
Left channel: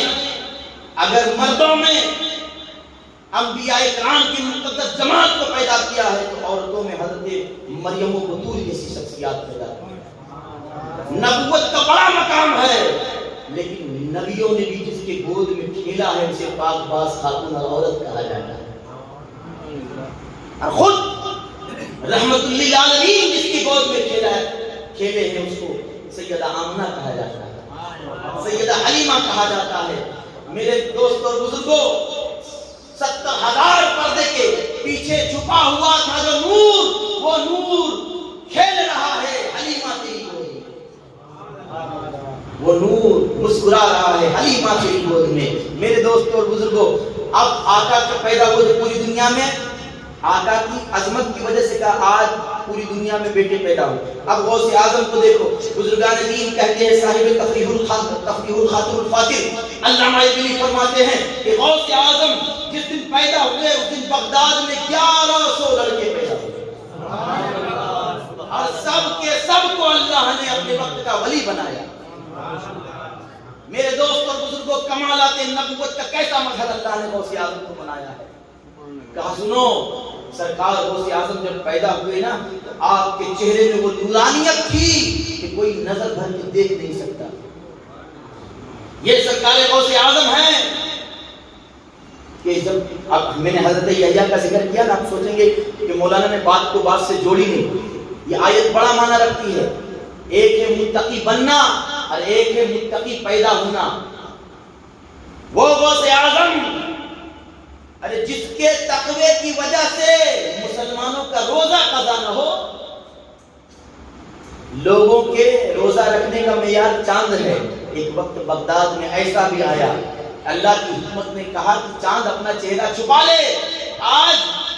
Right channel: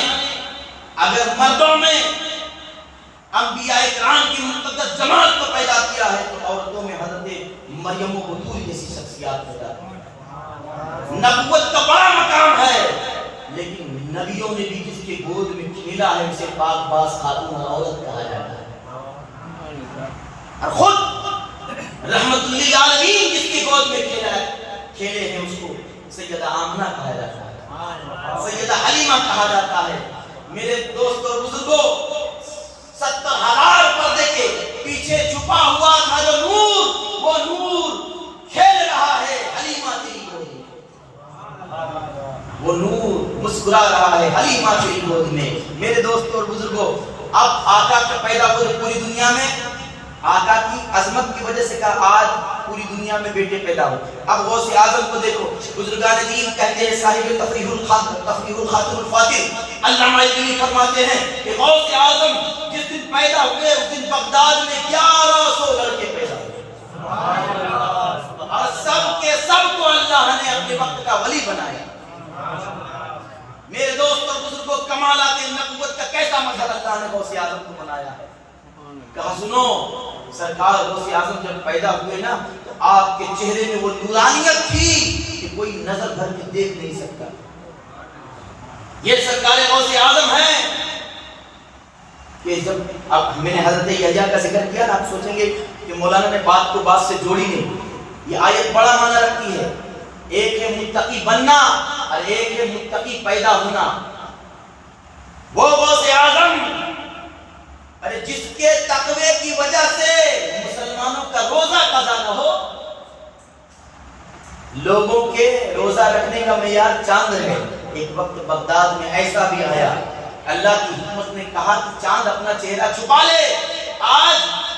اگر مردوں میں انبیاء کرام کی مقدس جماعت کو پیدا کیا ہے تو عورتوں میں حضرت مریم و بطول جیسی شخصیات پیدا کی ہے۔ نبوت کا بڑا مقام ہے، لیکن نبیوں نے بھی جس کے گود میں کھیلا ہے اسے پاک باز خاتون اور عورت کہا جاتا ہے، اور خود رحمت للعالمین جس کے گود میں کھیلے ہیں اس کو سیدہ آمنہ کہا جاتا ہے، سیدہ حلیمہ کہا جاتا ہے۔ میرے دوستوں اور بزرگوں، 70,000 پردے کے پیچھے چھپا ہوا تھا جو نور، وہ نور کھیل رہا ہے حلیمہ تیری گود میں، وہ نور مسکرا رہا ہے حلیمہ تیری گود میں۔ میرے دوستوں اور بزرگوں، اب آقا کے پیدا ہوئے پوری دنیا میں آقا کی عظمت کی وجہ سے کہا آج پوری دنیا میں بیٹے پیدا ہوئے۔ اب غوث اعظم کو دیکھو، بزرگان دین کہتے ہیں، صاحب تفریح الخاطر الفاتح علامہ ابنی فرماتے ہیں کہ غوث اعظم جس دن پیدا ہوئے اس دن بغداد میں 1100 لڑکے پیدا ہوئے، اور سب کے سب کو اللہ نے اپنے وقت کا ولی بنایا۔ میرے دوست اور بزرگوں، کمالات نبوت کا کیسا مظہر اللہ نے غوث اعظم کو بنایا ہے۔ کہا سنو، سرکار غوث اعظم جب پیدا ہوئے نا تو آپ کے چہرے میں وہ نورانیت تھی کہ کوئی نظر بھر کے دیکھ نہیں سکتا۔ یہ سرکار غوث اعظم ہیں کہ جب اب میں نے حضرت یحییٰ کا ذکر کیا نا، آپ سوچیں گے کہ مولانا نے بات کو بات سے جوڑی نہیں۔ یہ آیت بڑا معنی رکھتی ہے، ایک ہے متقی بننا اور ایک ہے متقی پیدا ہونا۔ وہ غوث اعظم ارے جس کے تقوی کی وجہ سے مسلمانوں کا روزہ قضا نہ ہو، لوگوں کے روزہ رکھنے کا معیار چاند ہے۔ ایک وقت بغداد میں ایسا بھی آیا، اللہ کی حکمت نے کہا کہ چاند اپنا چہرہ چھپا لے۔ آج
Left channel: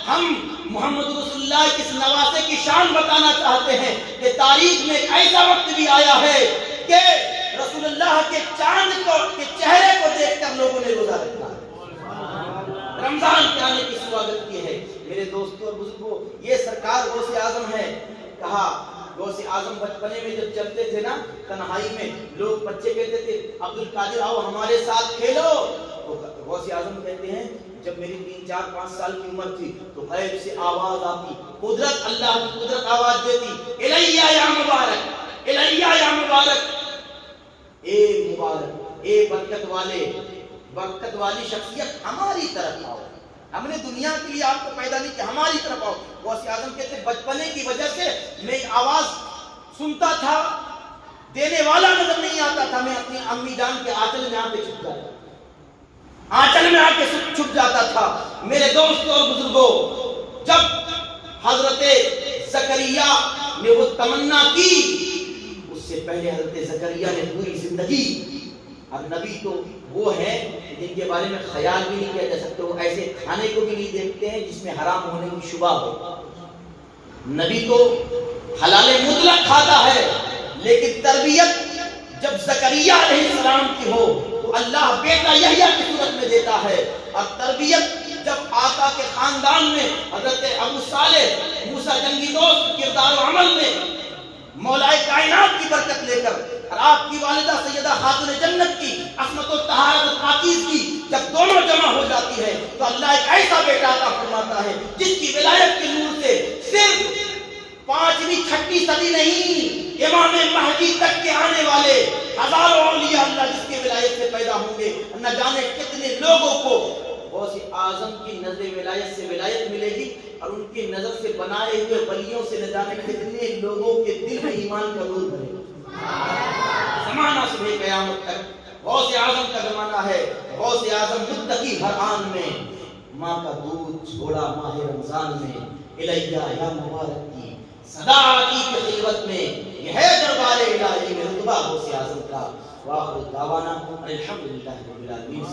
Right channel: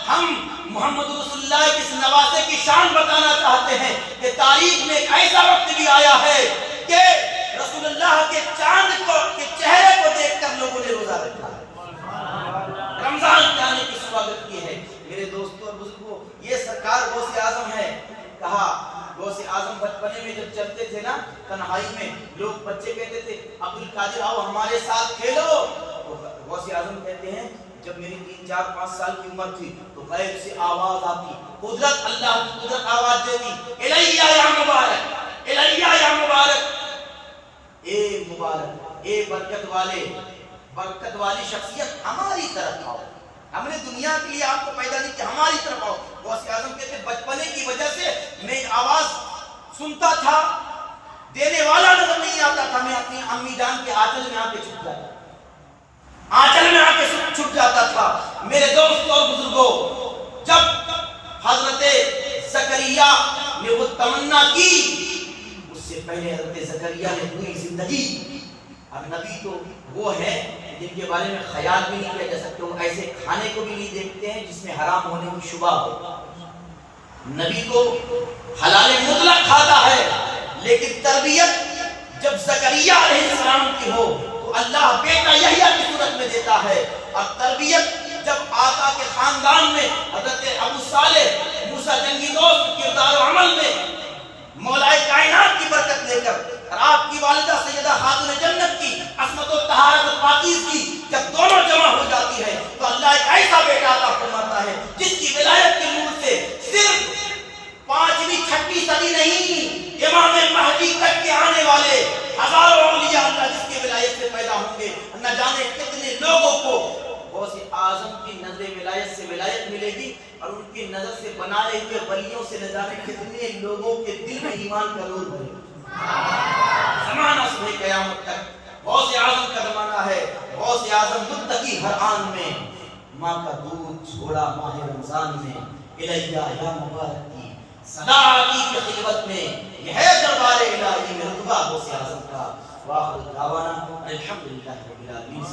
ہم محمد رسول اللہ کی اس نواسے کی شان بتانا چاہتے ہیں کہ تاریخ میں ایک ایسا وقت بھی آیا ہے کہ رسول اللہ کے چاند کے چہرے کو دیکھ کر لوگوں نے روزہ رکھا ہے، رمضان کے آنے کی سواگت کی ہے۔ میرے دوستوں اور بزرگوں، یہ سرکار غوث اعظم ہے۔ کہا غوث اعظم بچپنے میں جب چلتے تھے نا تنہائی میں، لوگ بچے کہتے تھے عبد القادر آؤ ہمارے ساتھ کھیلو، تو غوث اعظم کہتے ہیں جب میری 3 4 5 سال کی عمر تھی تو غیب سے آواز آتی، قدرت اللہ کی قدرت آواز دیتی، الیہ یا مبارک، الیہ یا مبارک، اے مبارک، اے برکت والی شخصیت ہماری طرف آؤ، ہم نے دنیا کے لیے آپ کو پیدا نہیں کیا، ہماری طرف آؤ۔ غوث اعظم کہتے بچپنے کی وجہ سے میں آواز سنتا تھا، دینے والا نظر نہیں آتا تھا، میں اپنی امی جان کے آنچل میں آ کے چھپ جاتا تھا، آنچل میں آ کے چھپ جاتا تھا۔ میرے دوستوں اور بزرگوں، جب حضرت زکریا نے وہ تمنا کی، اس سے پہلے حضرت زکریا نے پوری زندگی، اب نبی تو وہ ہیں جن کے بارے میں خیال بھی نہیں کیا جا سکتا، وہ ایسے کھانے کو بھی نہیں دیکھتے ہیں جس میں حرام ہونے کی شبہ ہو۔ نبی تو حلال مطلق کھاتا ہے، لیکن تربیت جب زکریا علیہ السلام کی ہو تو اللہ بیٹا یحییٰ کی صورت میں دیتا ہے، اور تربیت جب آقا کے خاندان میں حضرت ابو صالح موسیٰ جنگی دوست کردار و عمل میں مولا کائنات کی برکت لے کر، اور آپ کی والدہ سیدہ خاتون جنت کی عصمت و طہارت و پاکیزگی جب دونوں جمع ہو جاتی ہے تو اللہ ایک ایسا بیٹا عطا فرماتا ہے جس کی ولایت کے نور سے صرف 5ویں 6ویں صدی نہیں، امام مہدی تک کے آنے والے ہزاروں اولیاء اللہ جس کی ولایت سے پیدا ہوں گے، نہ جانے کتنے لوگوں کو غوث اعظم کی نظر ولایت سے ولایت ملے گی، اور ان کی نظر سے بنائے ہوئے ولیوں سے نہ جانے کتنے لوگوں کے دل میں ایمان کا نور بھرے گا۔ زمانہ صبح قیامت تک غوث اعظم کا زمانہ ہے۔ غوث اعظم متقی ہر آن میں، ماں کا دودھ چھوڑا ماہ رمضان میں، الیہ یا مبارک کی صدا آتی کی خلوت میں، یہ ہے دربار الہی میں رتبہ غوث اعظم کا۔ وآخر دعوانا الحمدللہ رب العالمین۔